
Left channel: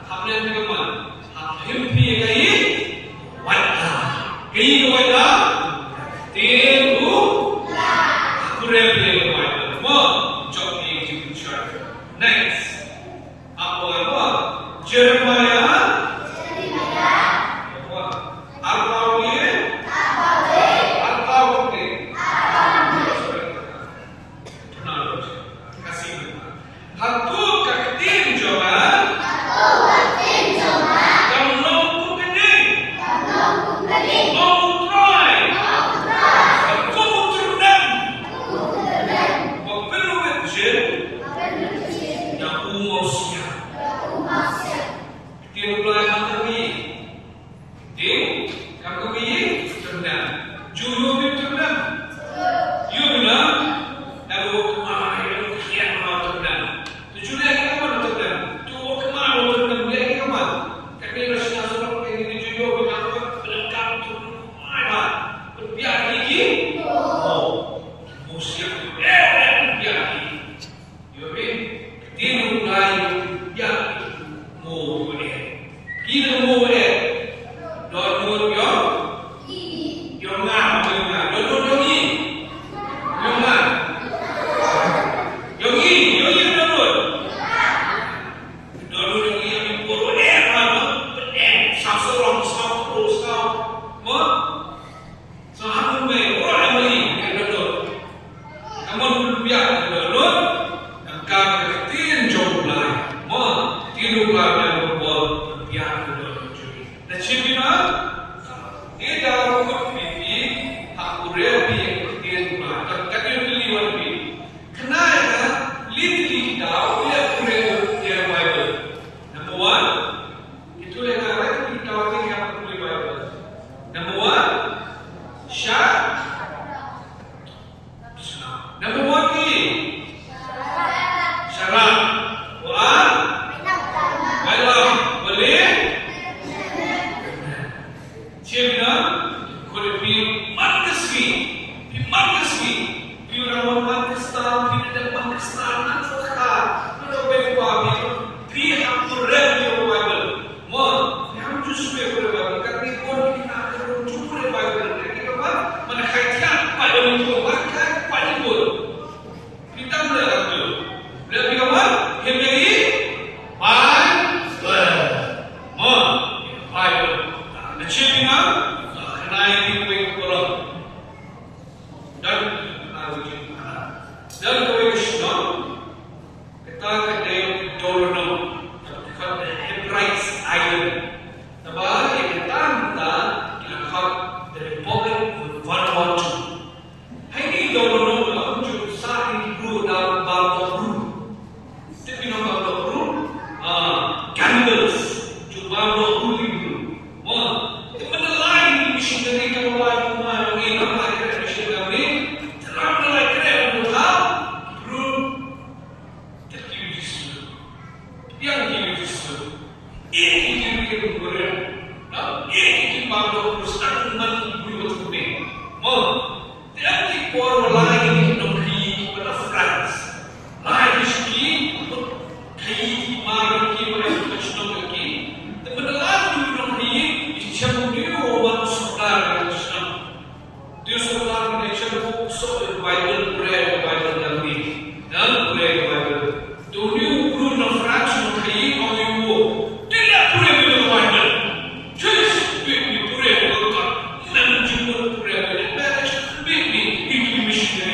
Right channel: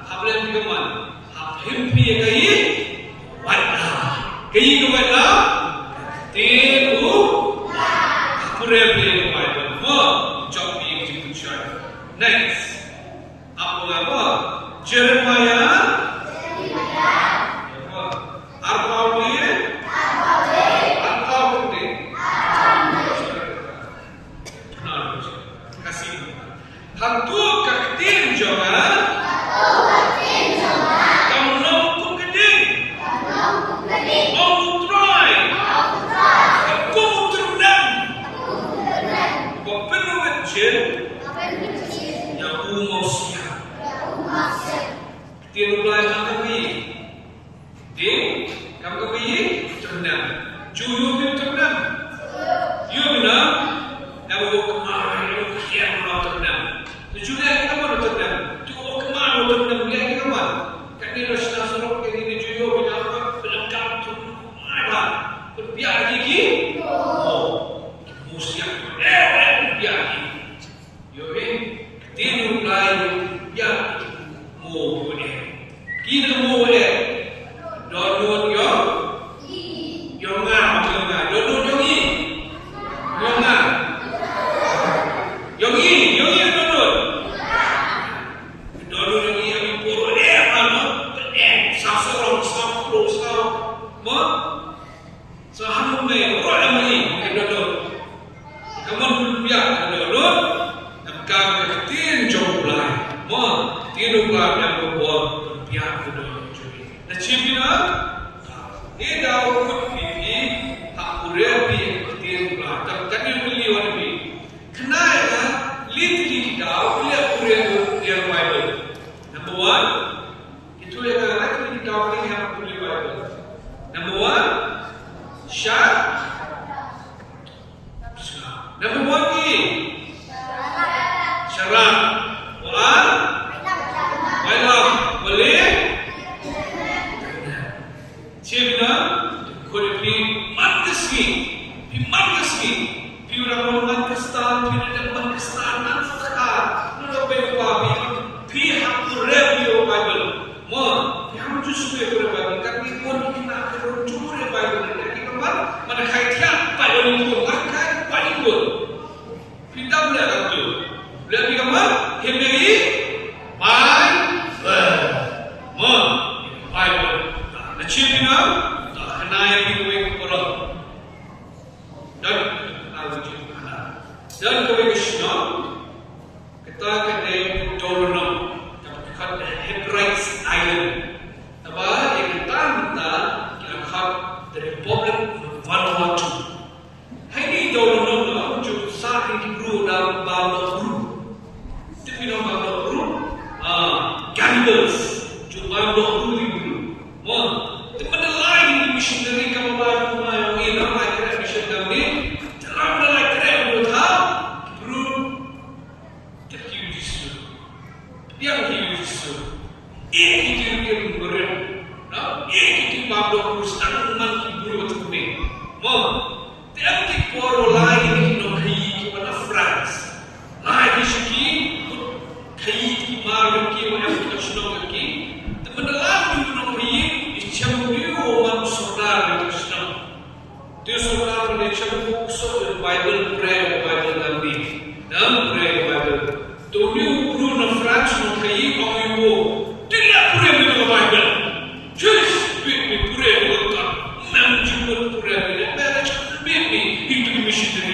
Habis bagaimana? Habis dia gaya. Wala. Gaya wala. Temu. Pura dia wala. More job yang diucap. Next. Apa? Jeremiah. Missionary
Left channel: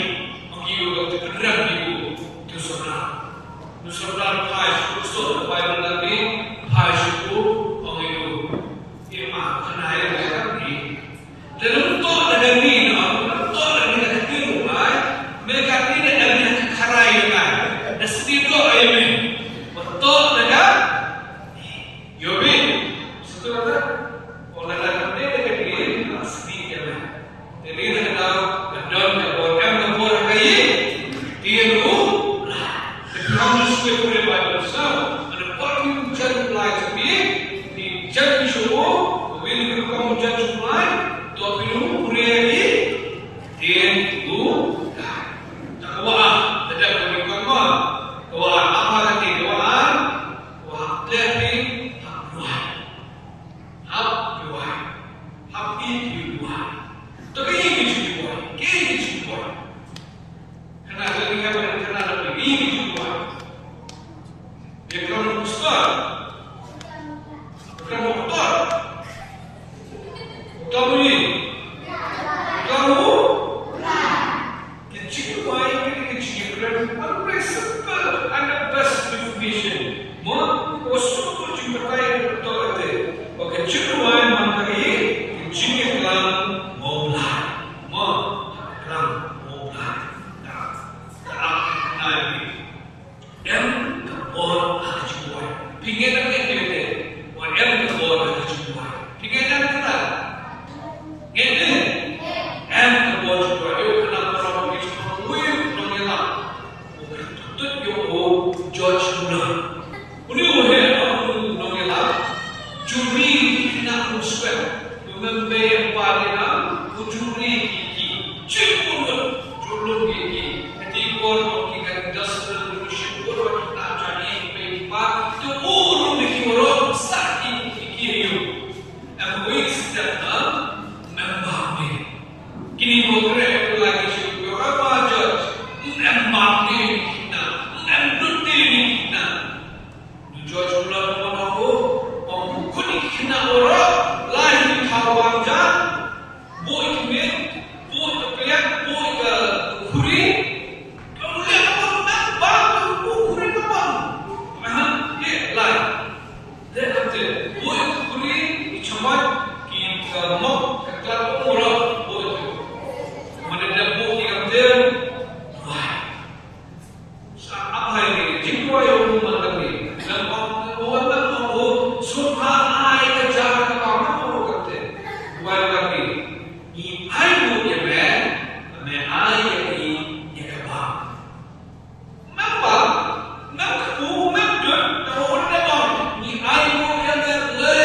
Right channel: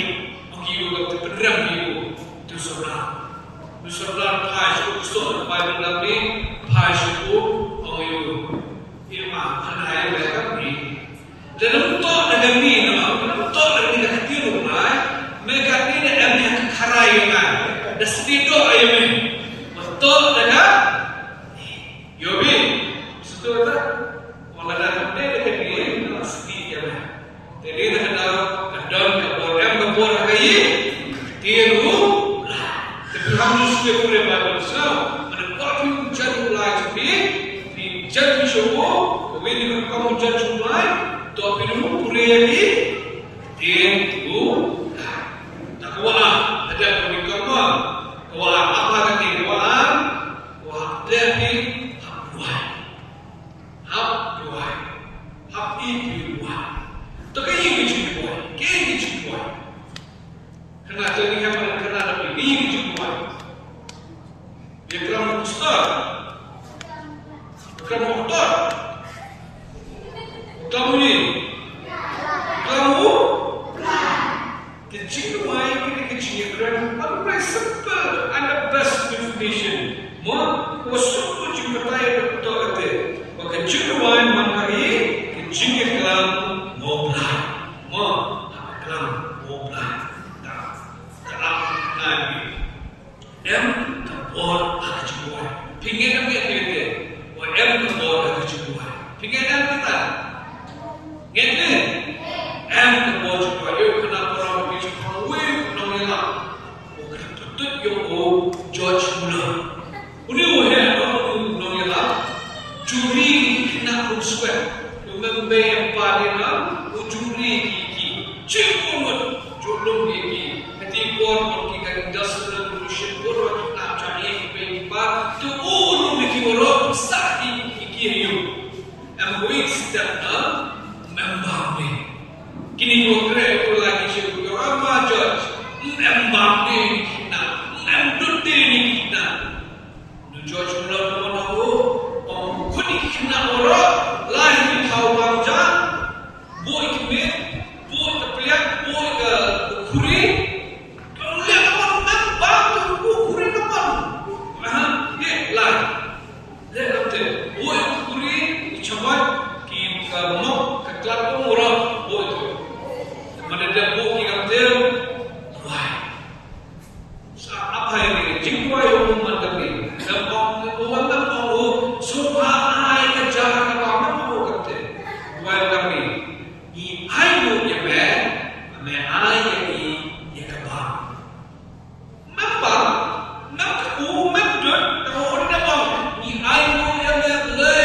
kamu jumpai, tapi lu kureli, dia itu tak kuat, tidak boleh kamu, kuat apa lagi kuat, kuat dari hab itu kuat, tapi ini juga kuat, karena terlihat karena lebih ini kuat, dia kamu ustaz. Kamu doktor, kamu ni, kamu kecil ini kecil kerana aku very simple and the best information. Mau kosong juga tahu betul itu. Kecil mangkari kecil kelam mobile, mau kelam mobile, tak lagi. Terbuat kecil pingin apa yang em terbuat ada juga. Pikiran kita, gitu. Em terbuat juga. Yo kenapa orang bicara, wih, nongela. Tutup yo George Bush. Udah nongela. Juri kena unsur. Membayar parena, juri kiki. Cipun jolong kiki. Nanti orang kita industrial revolution, orang kita cari pempa. Tu orang bikin orang sakit. Ang weeks that Mbappe. Kini progress ko lagi siya. Ama George, Mbappe na, Mbappe na. George mula naman ako, kunik na orang, lain di kawan jan, boy kimit, boy kepriak, boy kuri. Kalau lihat orang bantu, kuri naman. Ye, lain. Lihat tu, boy kuri. Cuma kita mau kekeluar umrah boleh. Mana ada buku yang dia, wah, apa ini? Jika orang macam ni, orang mau suka air kerja apa mau kata, wah kami, ini air yang ber, ni air yang kebab. Mapa, nak aku mendut, orang dah ni air yang ber.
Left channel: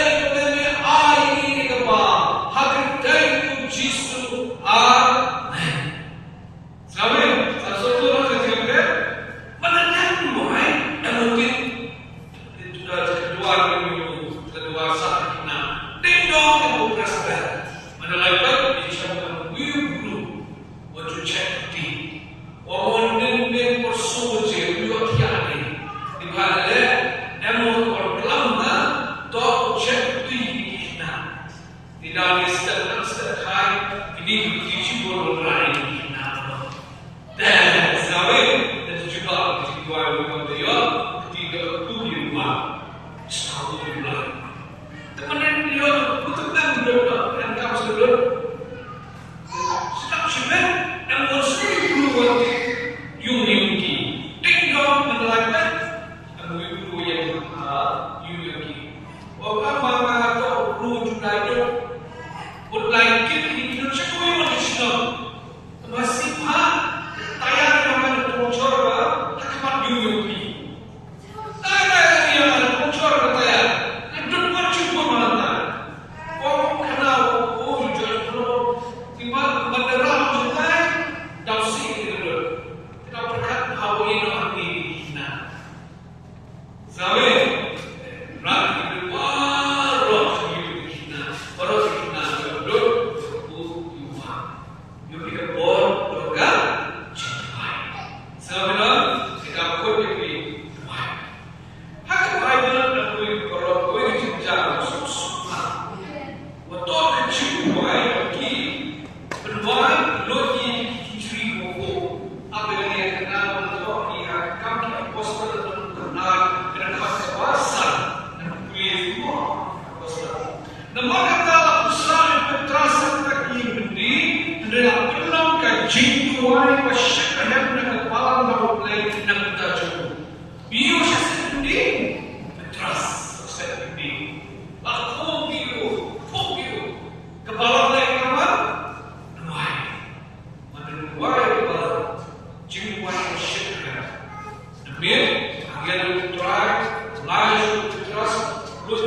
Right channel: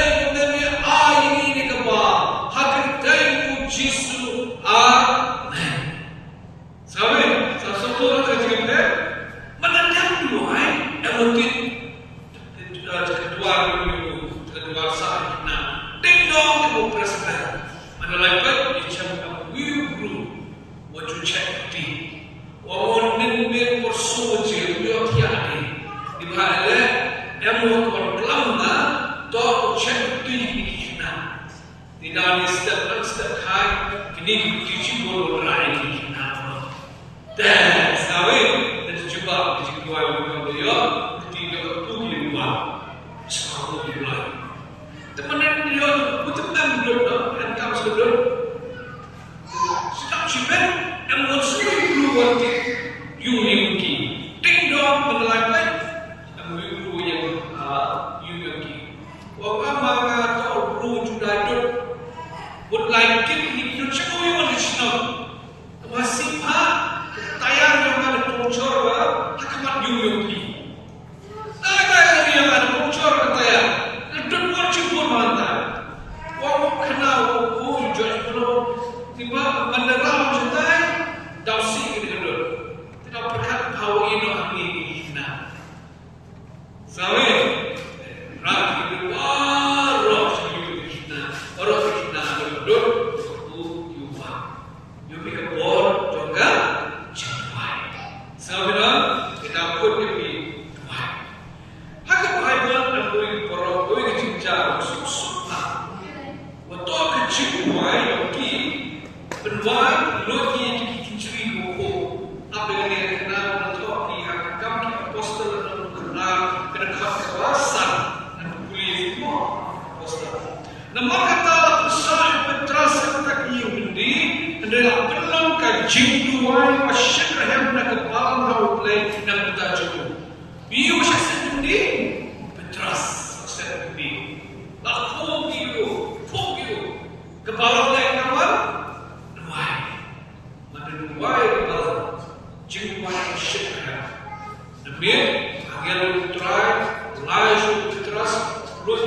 Terus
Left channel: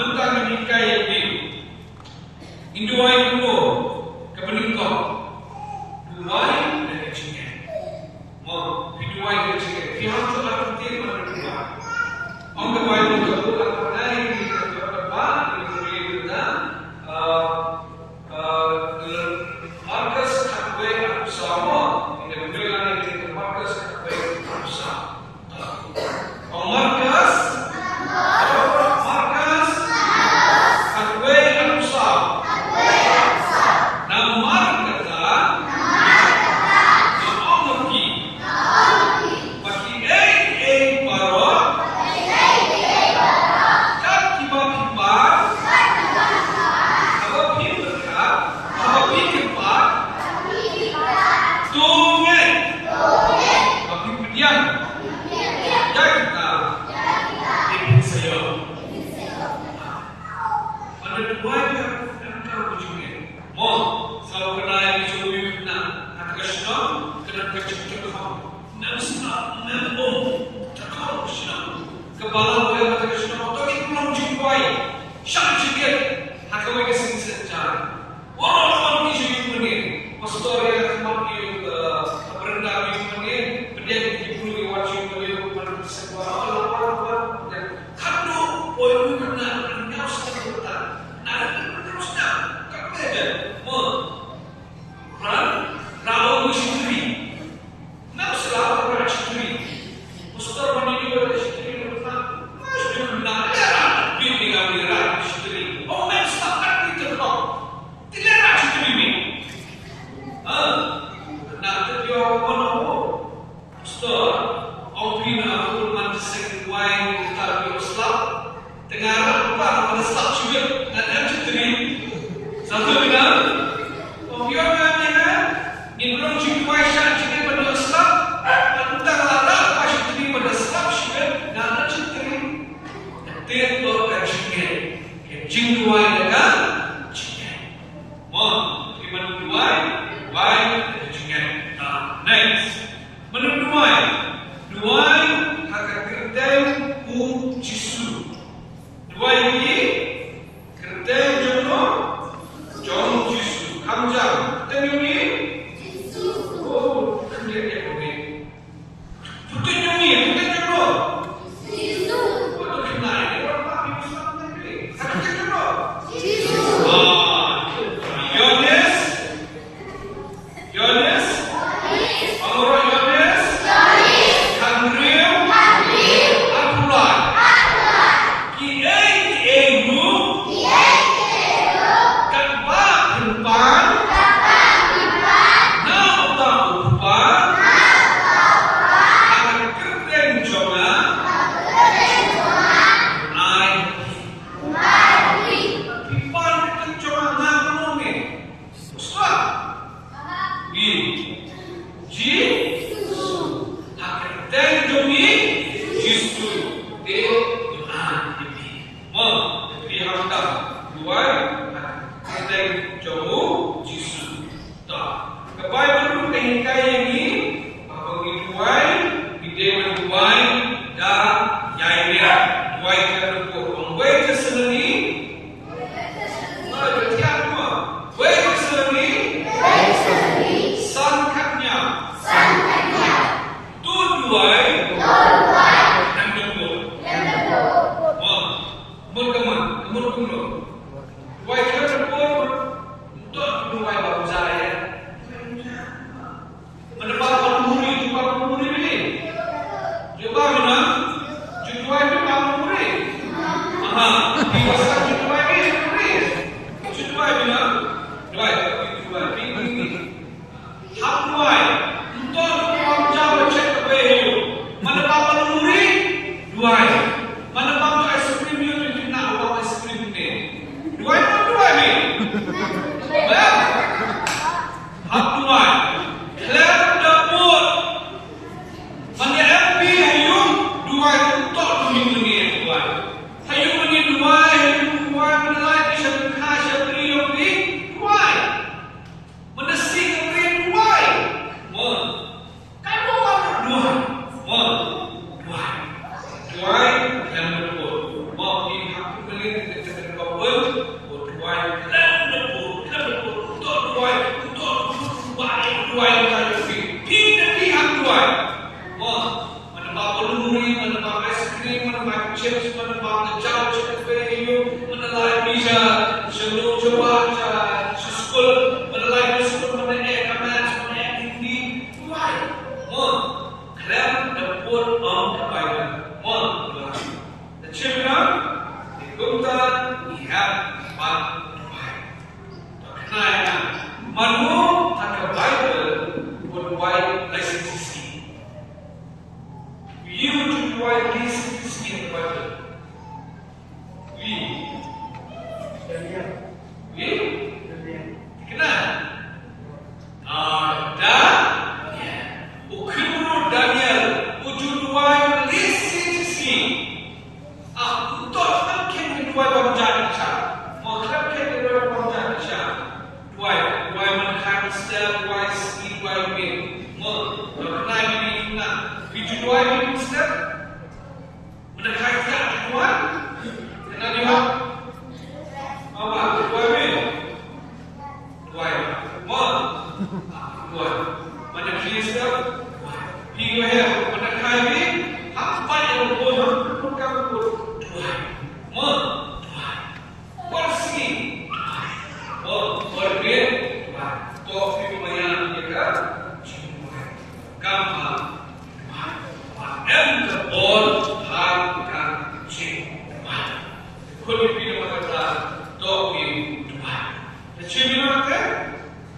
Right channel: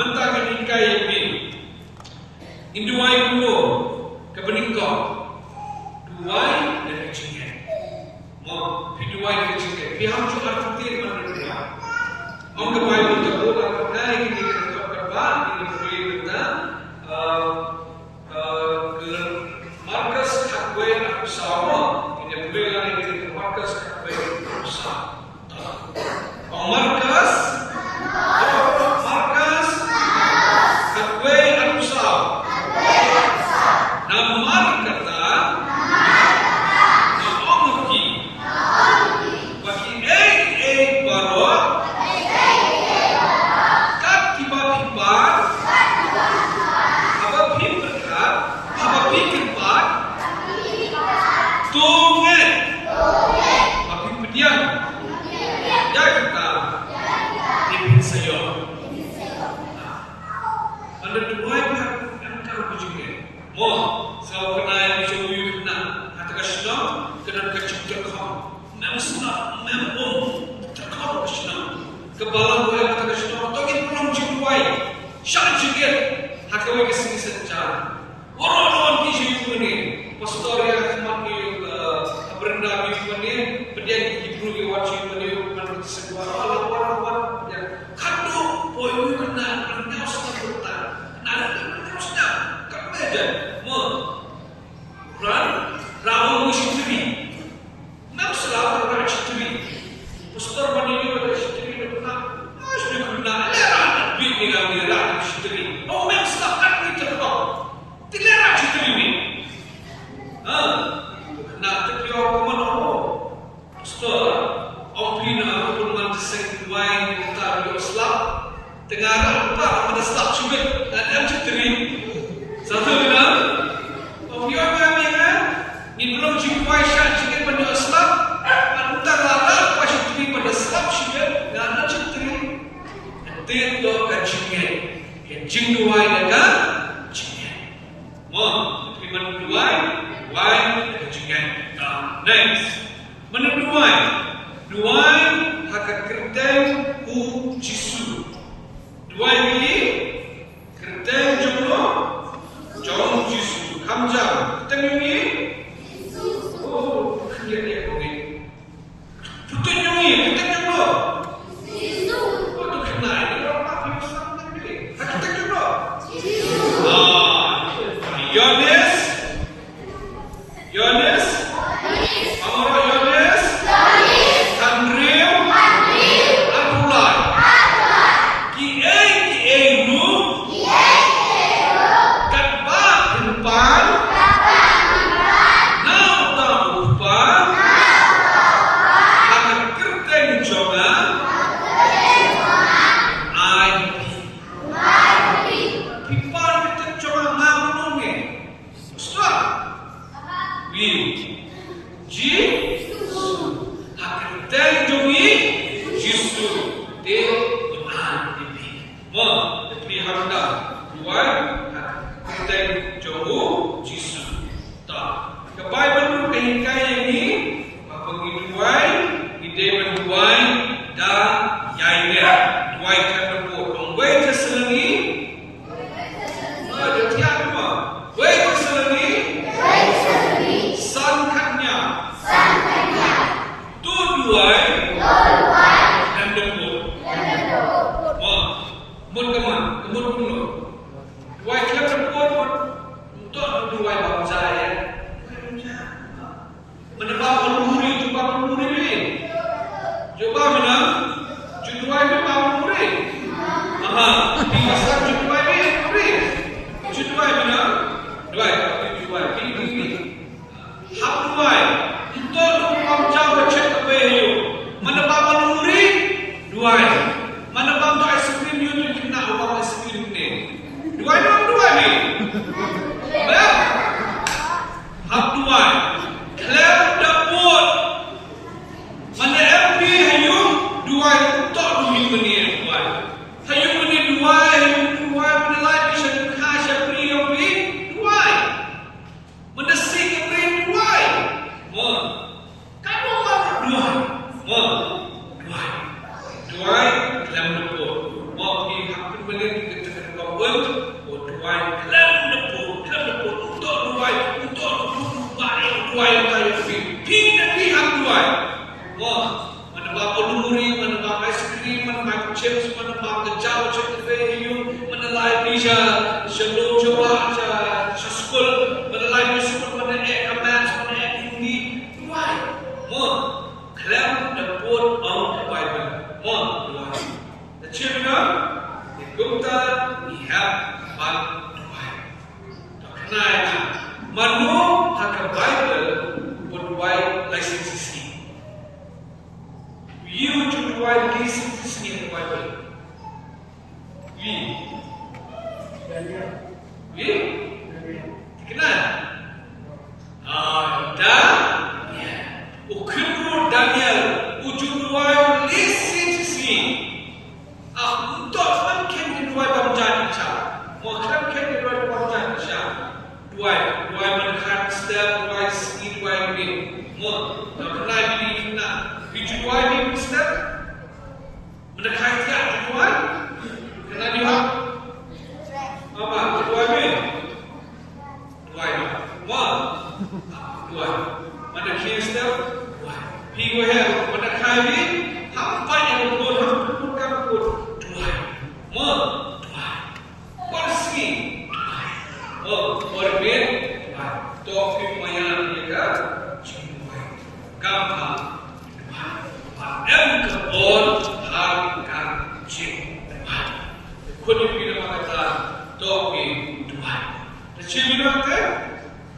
mentang meningkai yang ini. Induai dulu ke peningkau. Duai dan kecingin. Mau piduai kecingin. Pihak juga penting mana dua. Mau kebaik untuk buka pernah ini kita kebal ini boleh tentang markas kakwe sama. Ini boleh lagi kita markas kakwe sama. Markas kakwe sama. Nama kata kebalan boleh tradisional atau ini belum jumpai syak jikir hakawai kesini secara orang-orang di sini ni pastor yang makin berendah di sini berdiam di bulu wajib beliau pada sebuah orang-orang yang kado poin kena anda sudah ada sudah kerja rawat sendiri nak selalu rawat sendiri pastor ini kemudian kita terkawal, tuai untuk tuai kali ini. Kita lihat tuai. Mana bapa nuri, mana bapa es krim, mana bapa chips, mana bapa jauh cepat hiu, mana lain bisa sebelum coba sekolah, mana lain sekolah, mana ekaman, mana hindi tuai. Kalian dapat Bible. The children, the Gupta, we have one tuai. Kenapa? Manu tak Bible berbuat lisensi. You to provide license in the Bible. We? Kenal? Daniel. Ukhiru Daniel. Ujud provide license. Untuk mungkin provide pemujaan Isya. Mungkin provide pemujaan Isya. Provide mankind step, provide seed, provide me. Kenal ini nak. Video ini Mister, mendekatkan Tuhan, kena lihat apa? Tuhan, mana Mister, Tuhan, mendekatkan apa yang berbuat bukan Tuhan, kursi, berbeda, topik mana mereka, gampang. Kebon harkan cing. Kau pilih kata topi Tuhan. Cing mana?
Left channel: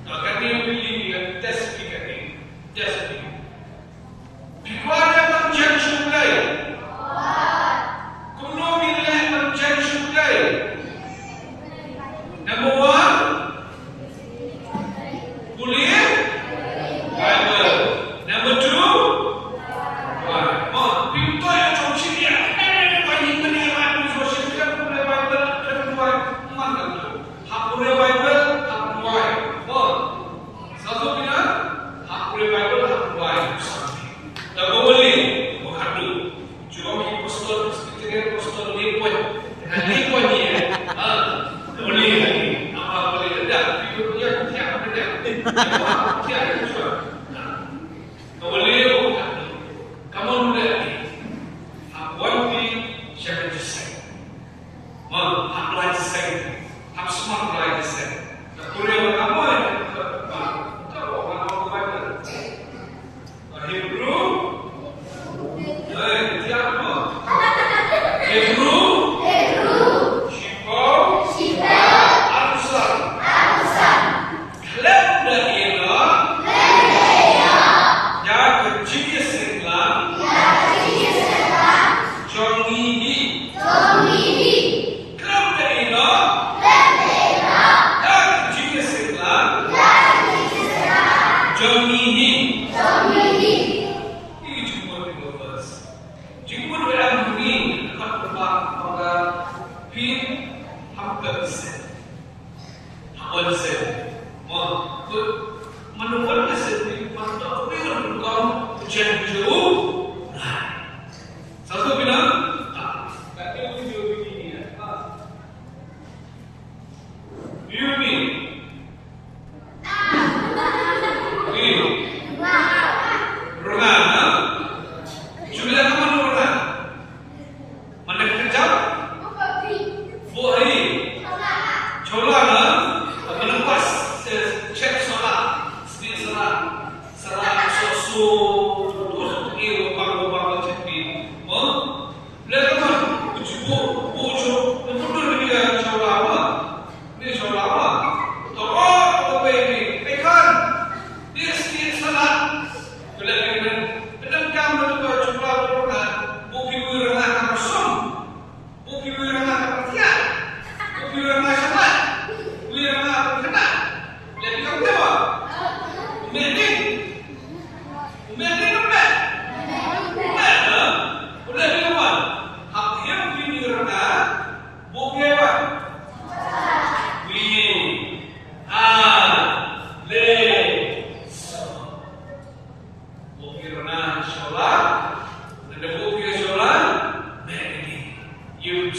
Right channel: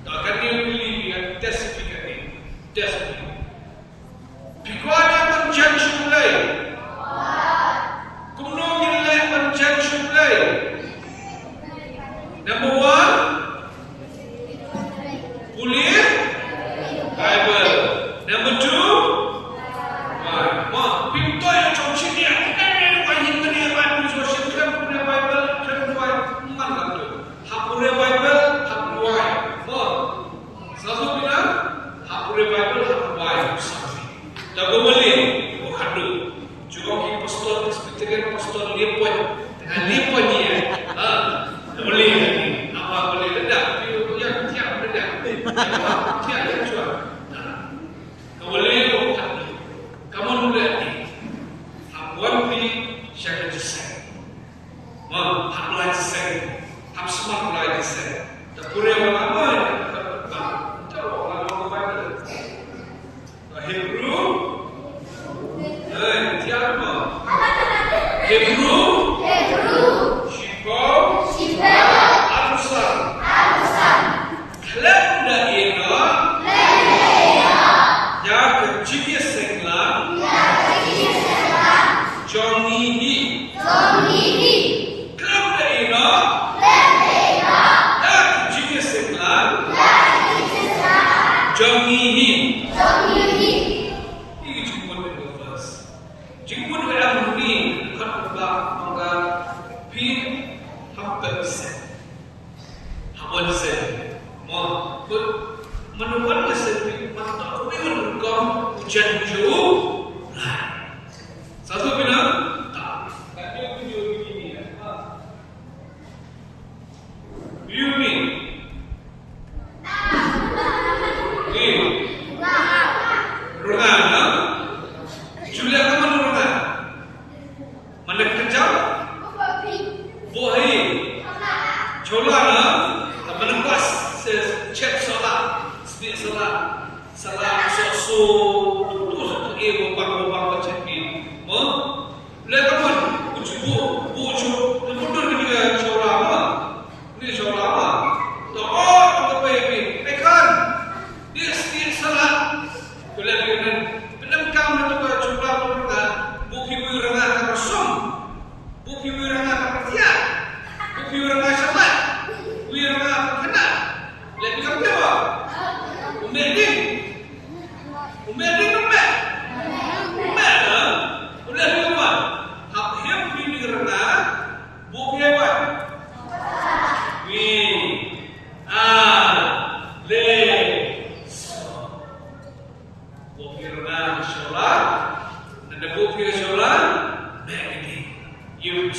Tak kena pilih yang tes fikir. Tes fikir. Pikuannya menjadi sulai. Kuno pilih menjadi sulai. Number one, kuliah Bible. Number two.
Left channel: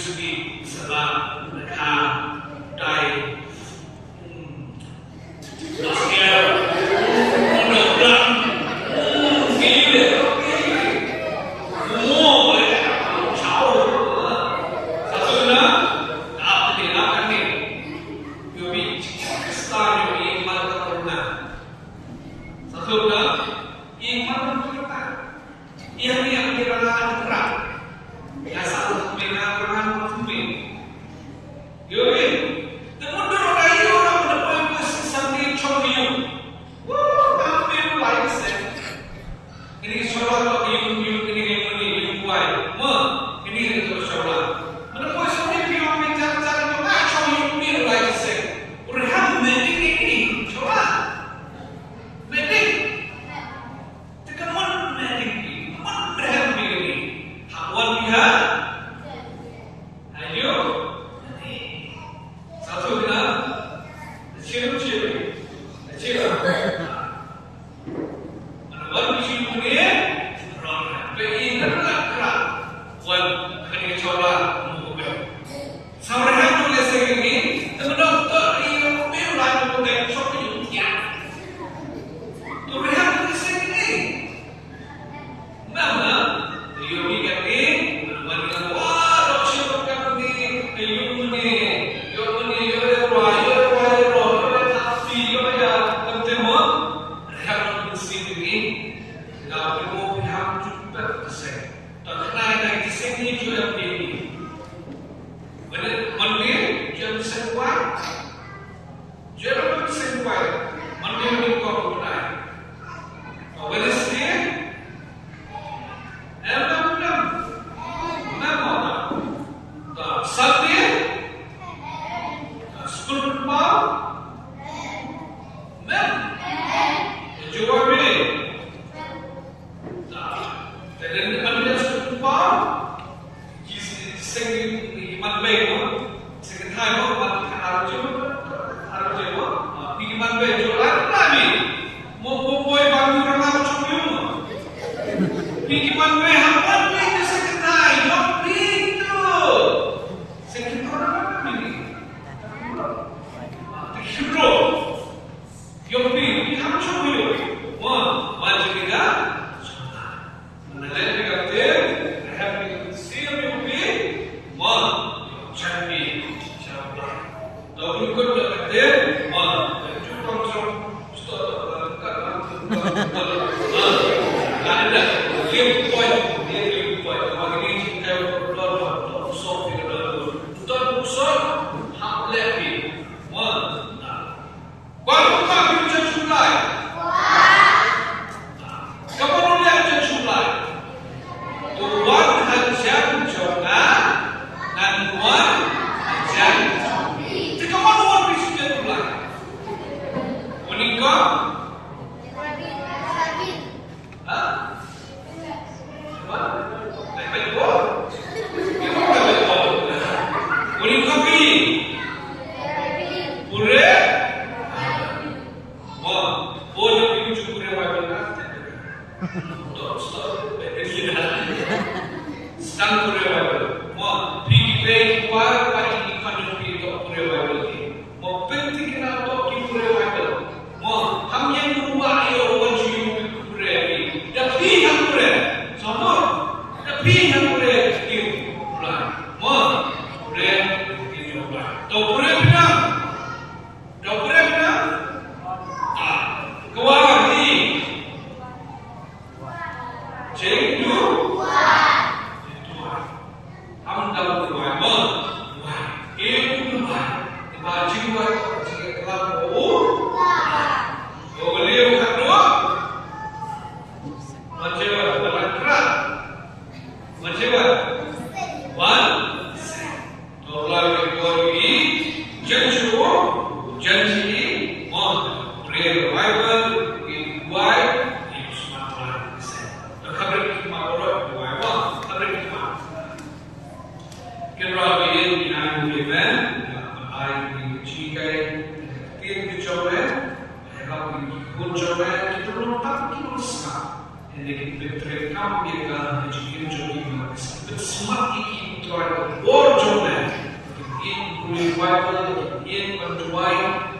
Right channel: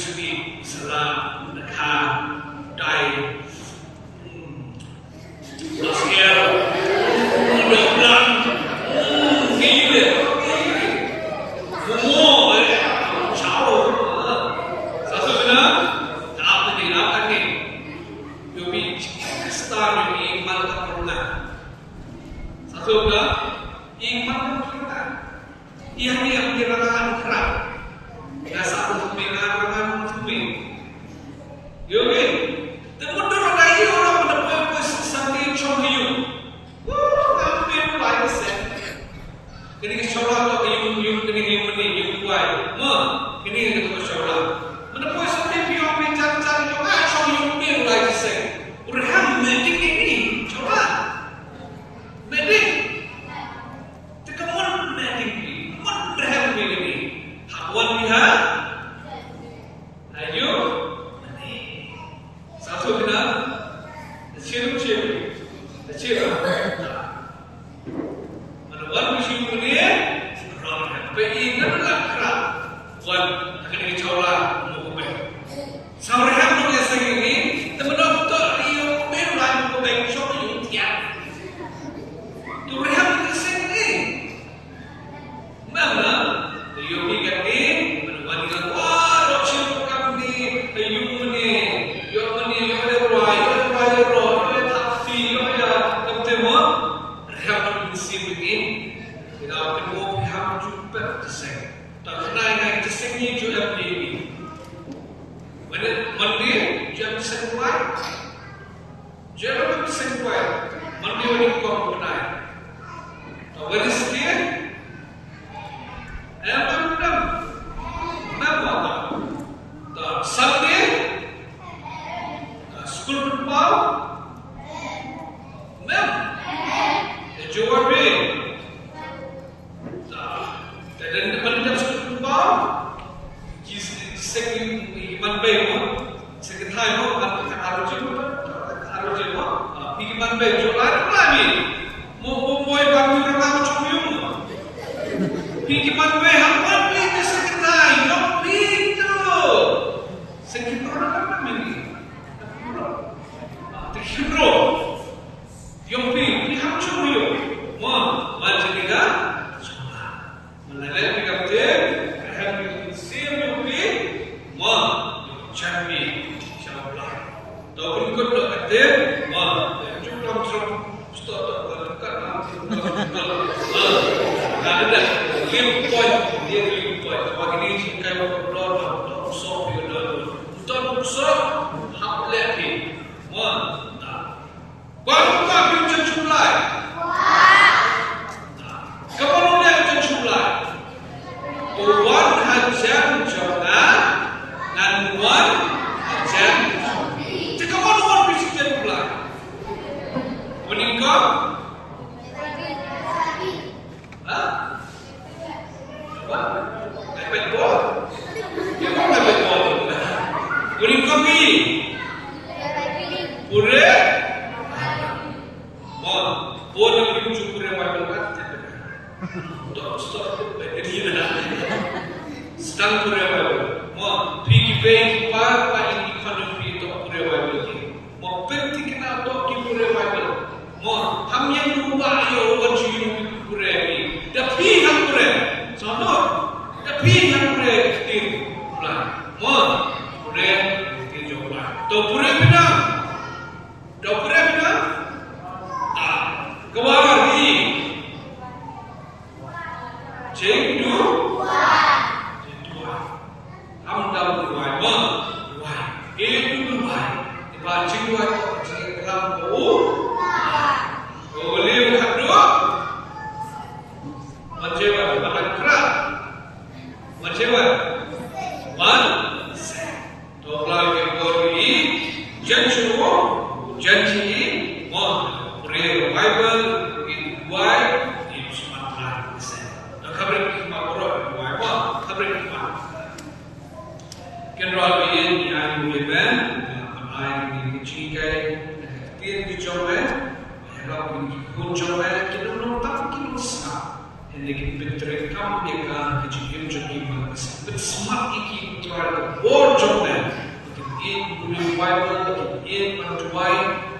segi salah mereka dai Sekian, mudah-mudahan gila, semua jauh. Satu benar, tak ada ni. Yobi kestar yobi mantap pernah. Satu benar, iman pernah. Ia ni yang dirasakan kerap. Dasar pembinaan orang muslim. Yobi, teman orang ini orang mendapat sampai contohnya. Wah, apa yang lain sih? Ini solat atau yung ini buat. Mah, ini itu solat. Mendapat sampai yang mencari-cari macam yung lain sih. Orang meeting ini solat. Meeting. Tekaman meeting ini. Mana ini? Hawan lihat. Ayo. Satu benar. Ciri. Mana baru ciri ni? Ramai. Bein adalah kerap. Wan kena coba mukubah. Sampai hari ni saya ini, teman-teman tak dia berulah mukubah soal yang tiap. Tu rehat ni saya ini. Mana? Dia ingat ni, mana dia wah, ciri kami ni, ayuh ni, lekin berterekam dia kan kejadian jadi mas. Bersemak iki tuan borjomen. In revival, in menjuai,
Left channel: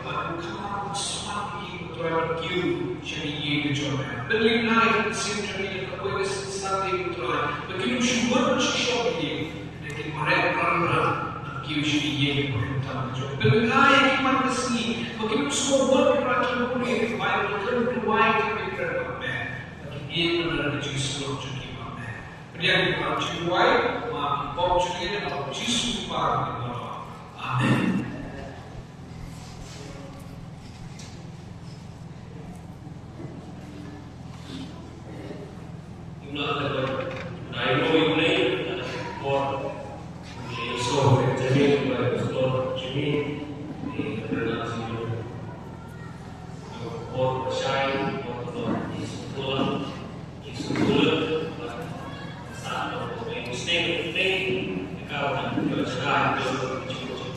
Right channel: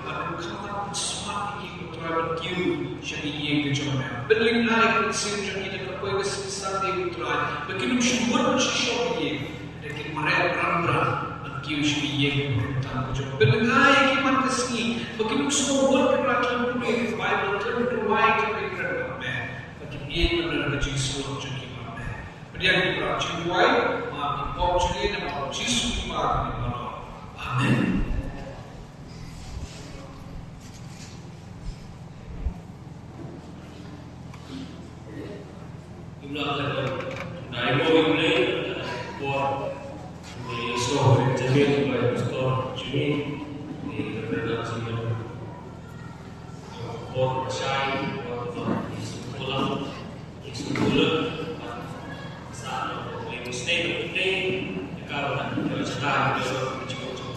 akan kamu semak iki tuan kiu jadi ye berjomen. Berling naik sim jadi dekat boleh sesat tuan. Begitu syukur syukur dia. Lekin mereka ramah kiu jadi ye berjomen. Berling naik iman kesini. Begitu semua buat kerajaan boleh revival terduai kami kerana. Ia adalah Yesus jadi mana? Berian kita cuai, mati portugis dan Yesus kita di dalam. Amin. Inilah adalah dari mulai buat Yesus jadi pastor jadi di redaksi buat saya buat Yesus pulang. Sekolah saat yang mesti kalau kerjaan itu cukup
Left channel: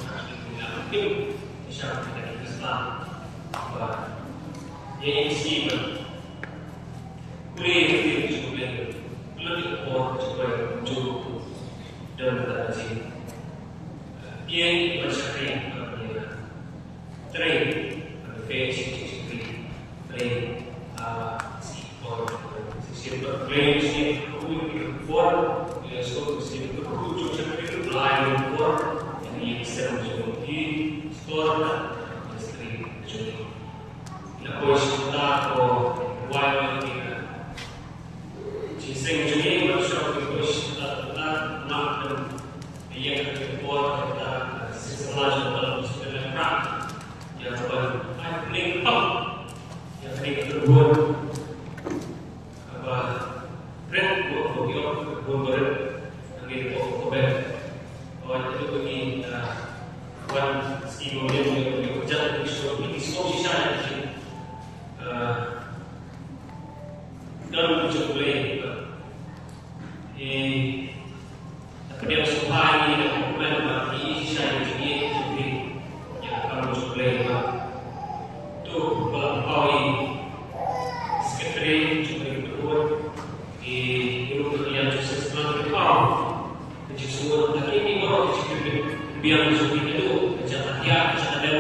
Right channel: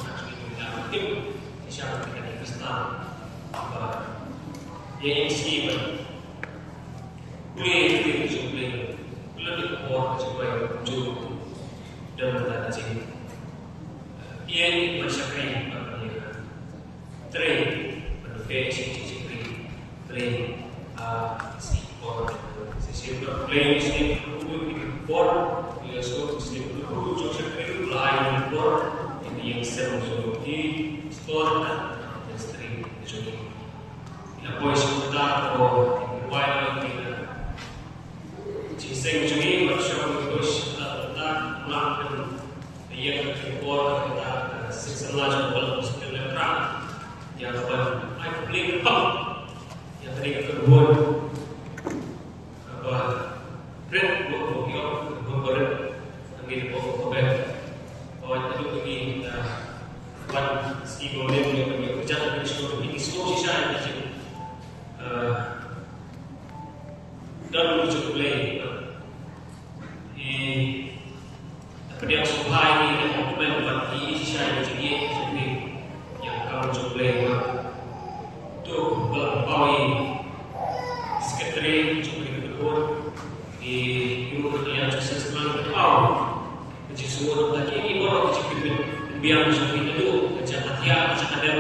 tim siapa yang Kristen apa yang sih boleh lebih kuat supaya muncul dalam tanda sini yang bersyukur train basic train Sehingga playlist for ya so sehingga kucu sekali lain for ini yang sering di store dan industri jadi ya bos kita atau wild kita jadi jadi workshop bos kita nak yang for kita sesuatu dalam sebenarnya yang paling yang tadi terbuat Red buat ambil kober, awak itu bagi wan skill yang kerja di store ini semua sisa yang macam dalam wujud play, apa dia suka ini dan komen bagi sisa yang tinggi seperti yang dalam wujud play tu berapa sekretari cuma berbuat di ibu yang sukses dalam berkau, jadi semua lagi ini orang kecil biar seperti itu macam hati macam ada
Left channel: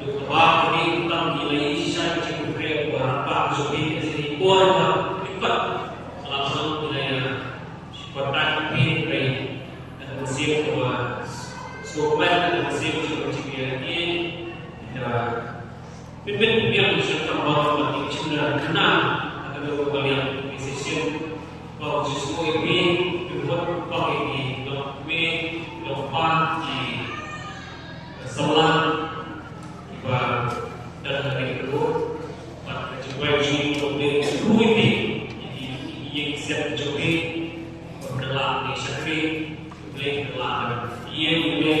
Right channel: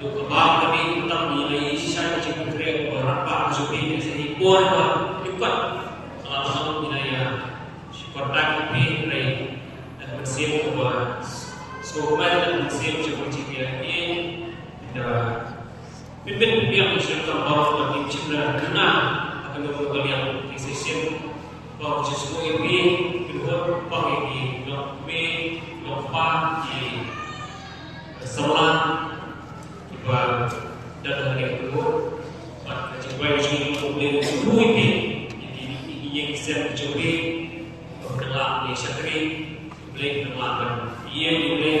tu kebal kami kita nilai sisa kecil kecil berapa seperti ini orang juga langsung nilai seperti ini dan museum bahwa sobat dan museum seperti ini dah pimpin biar sesuatu orang bagi cendera kenal akan kalian decision bahwa sesuatu ini dibuat bagi dokme dokpa di salam ibarat dan hari itu pada cipai dokme ini yang saya coba berdalam di syakri boleh berdalam ia boleh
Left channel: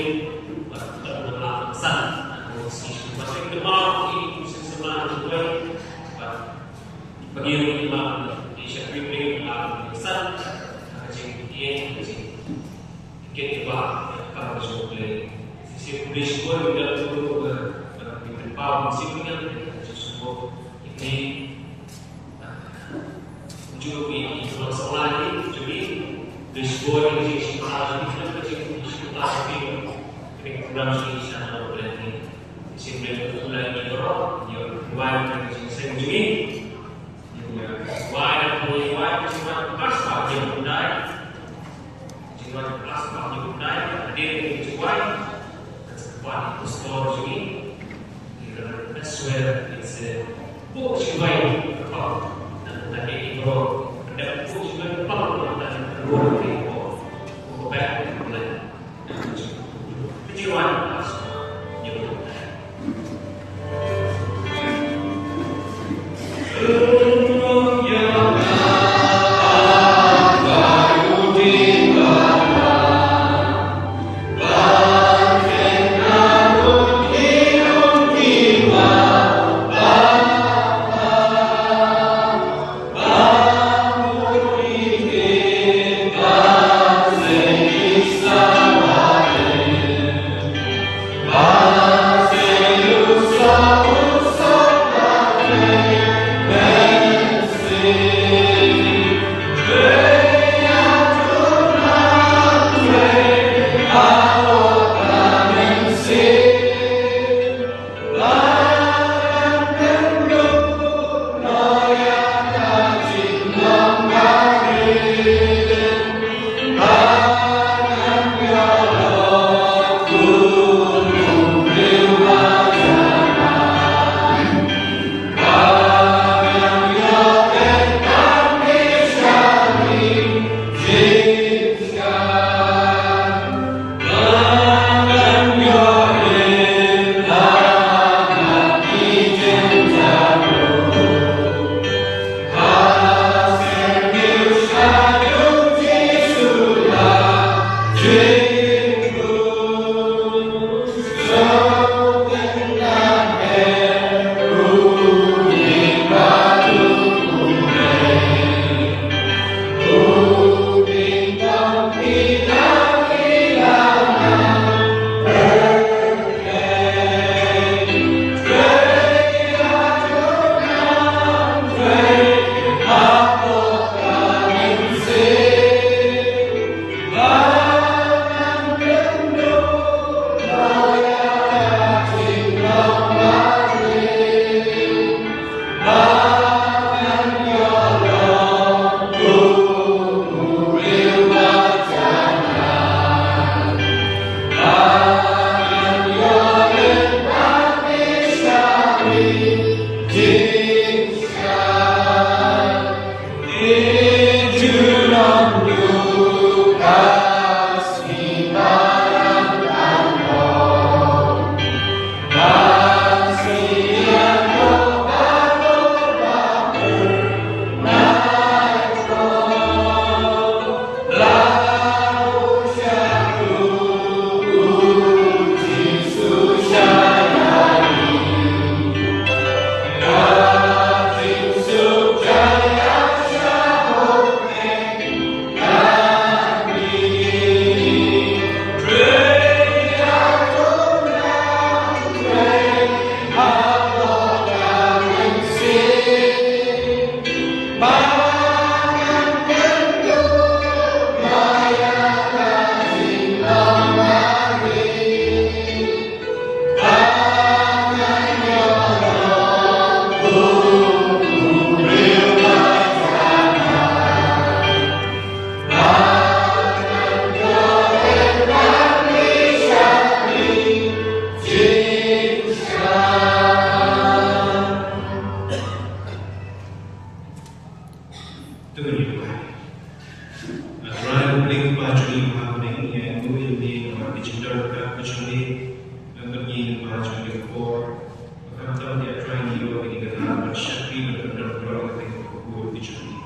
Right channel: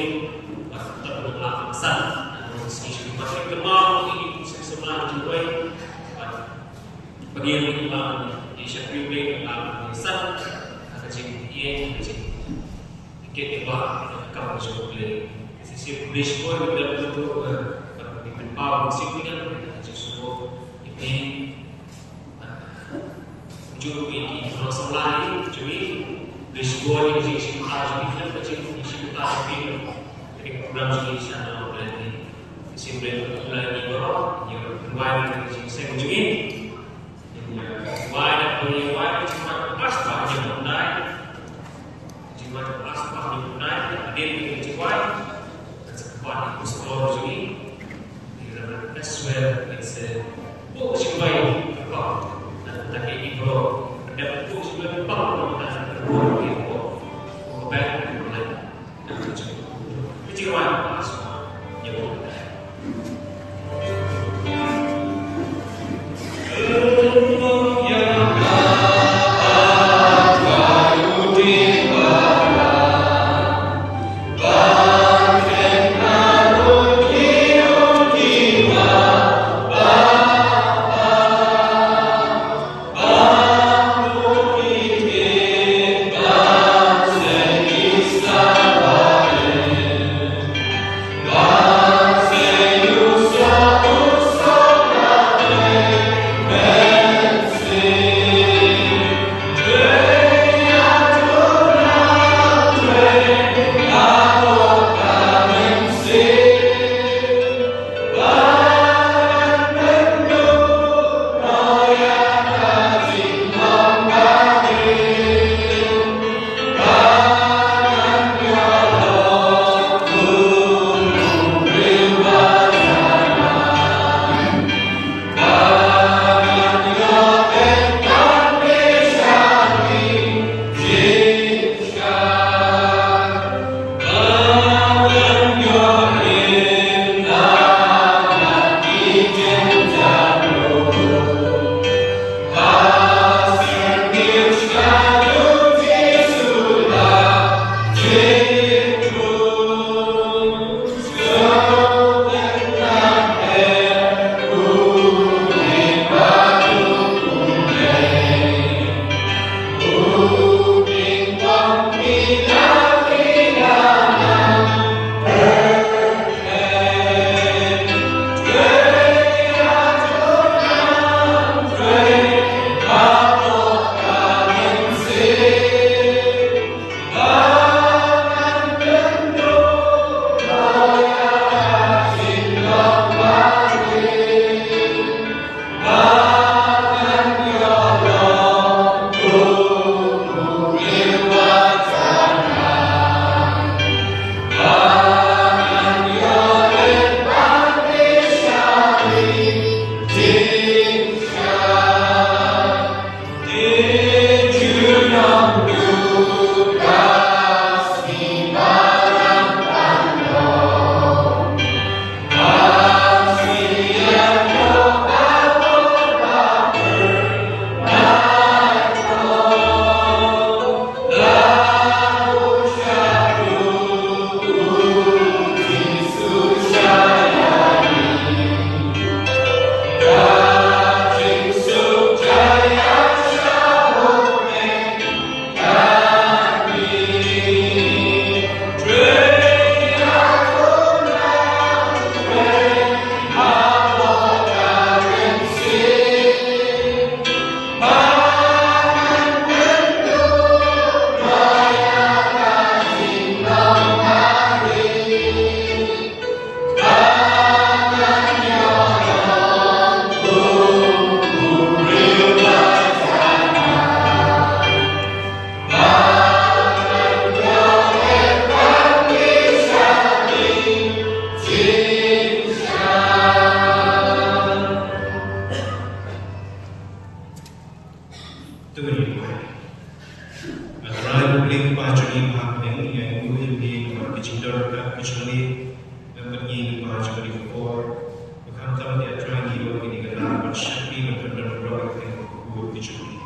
berdalam besar Masih kemal ini sesuatu juga bagi orang di Syekh dalam desa kecil ini kecil kita kalau boleh sisi polis pun juga di tempat musiknya semua ini muncul di pulau Selatan jadi risiko di sisi harus kecil di sisi tapi kurang sekali sana boleh Simply mulai didorong, yang saya kunjungi, yang punya cuma plastik yang berdaya, cuma plastik yang berdaya, hadir di Juwai, sebuah sekolah kunjungi, that's where it's book Juwai berlaku, dan ini bro, dan book Juwai berlaku dan berlaku di book back mulai, dan Juwai plastik yang berdaya. Bye. berkat kecuali dan bagi belajar di kor bukan tahu dia try di luar ini kerana bersyafi berkenan berapa tengok kor kecuali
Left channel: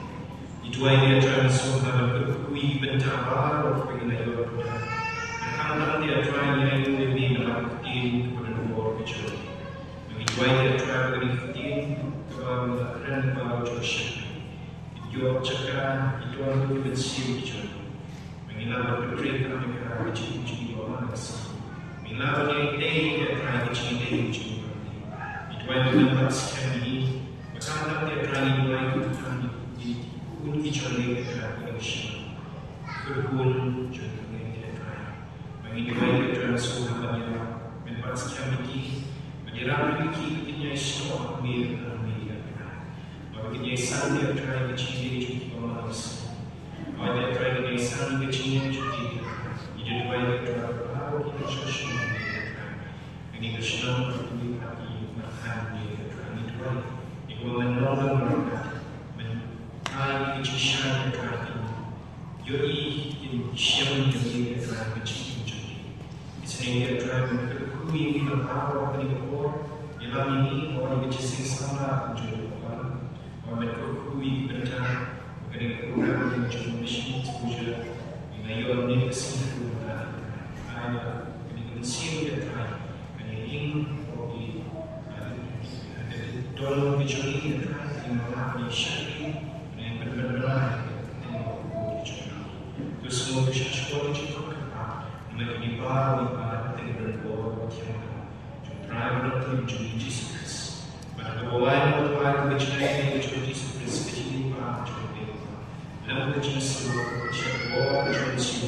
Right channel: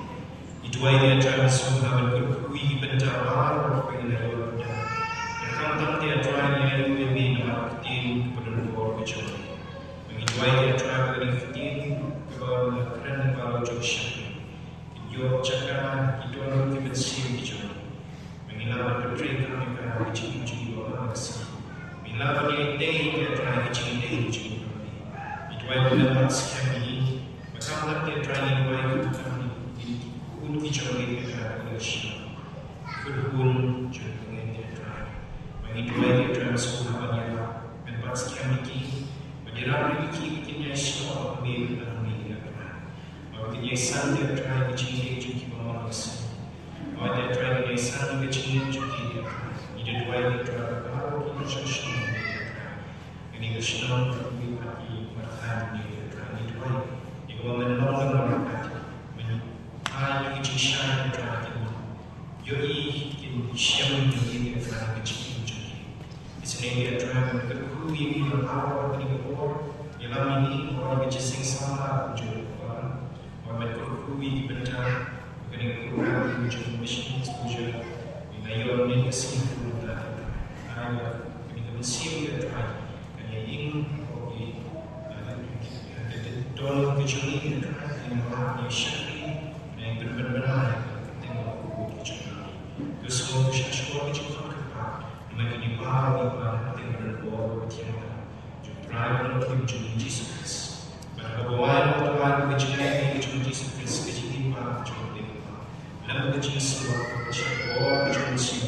itu dia try semua berkui bentar baru dengan luar bukan tahu dia try yang lebih dalam tim berkenan kor kecuali itu dia try dari tim kepada kerana kalau bersyafi itu cakap itu orang yang bersih kecuali mengilawan berkait kami kerana kecil-kecil orang asing. Mengilawan yang ini kerana kecil-kecil kami. Itu yang dapat sekali. Maka dia kerana dua itu kami pun kecuali kerana Malaysia. Kerana contohnya dia kerana. Mengilawan dia kerana semuanya dapat sekali. Menjelaskan lagi ketika Islam beri dalam media. Kalau ketika Islam dia kerana kecil-kecil orang asing. Ada try di sana kecil juga. Ini dua itu baru kita sosial media. Ini kesalahan lebih lagi makan di ini dua. Itu menolong mereka. Mengenai kejisan mereka. Jadi ini siapa yang mereka kecil juga. Di sini dia try berkui dalam awal ini berkor. Dalam ini orang kecil sama juga. Orang berkui benar. Kering program macam mission exposure bila ia ni kesini pula ada kini konsep dia try kini ingin bagi tolong kecuali dia try kini orang yang syari yang benar-benar tengok kecuali itu semua bisa sekolah cukup kepada mereka di baru ibarat tengok berbuat macam try berlaku mencuri Jesus mereka bawa orang kecuali Jesus kecil ibarat lalu kecil semua, siapa orang kecil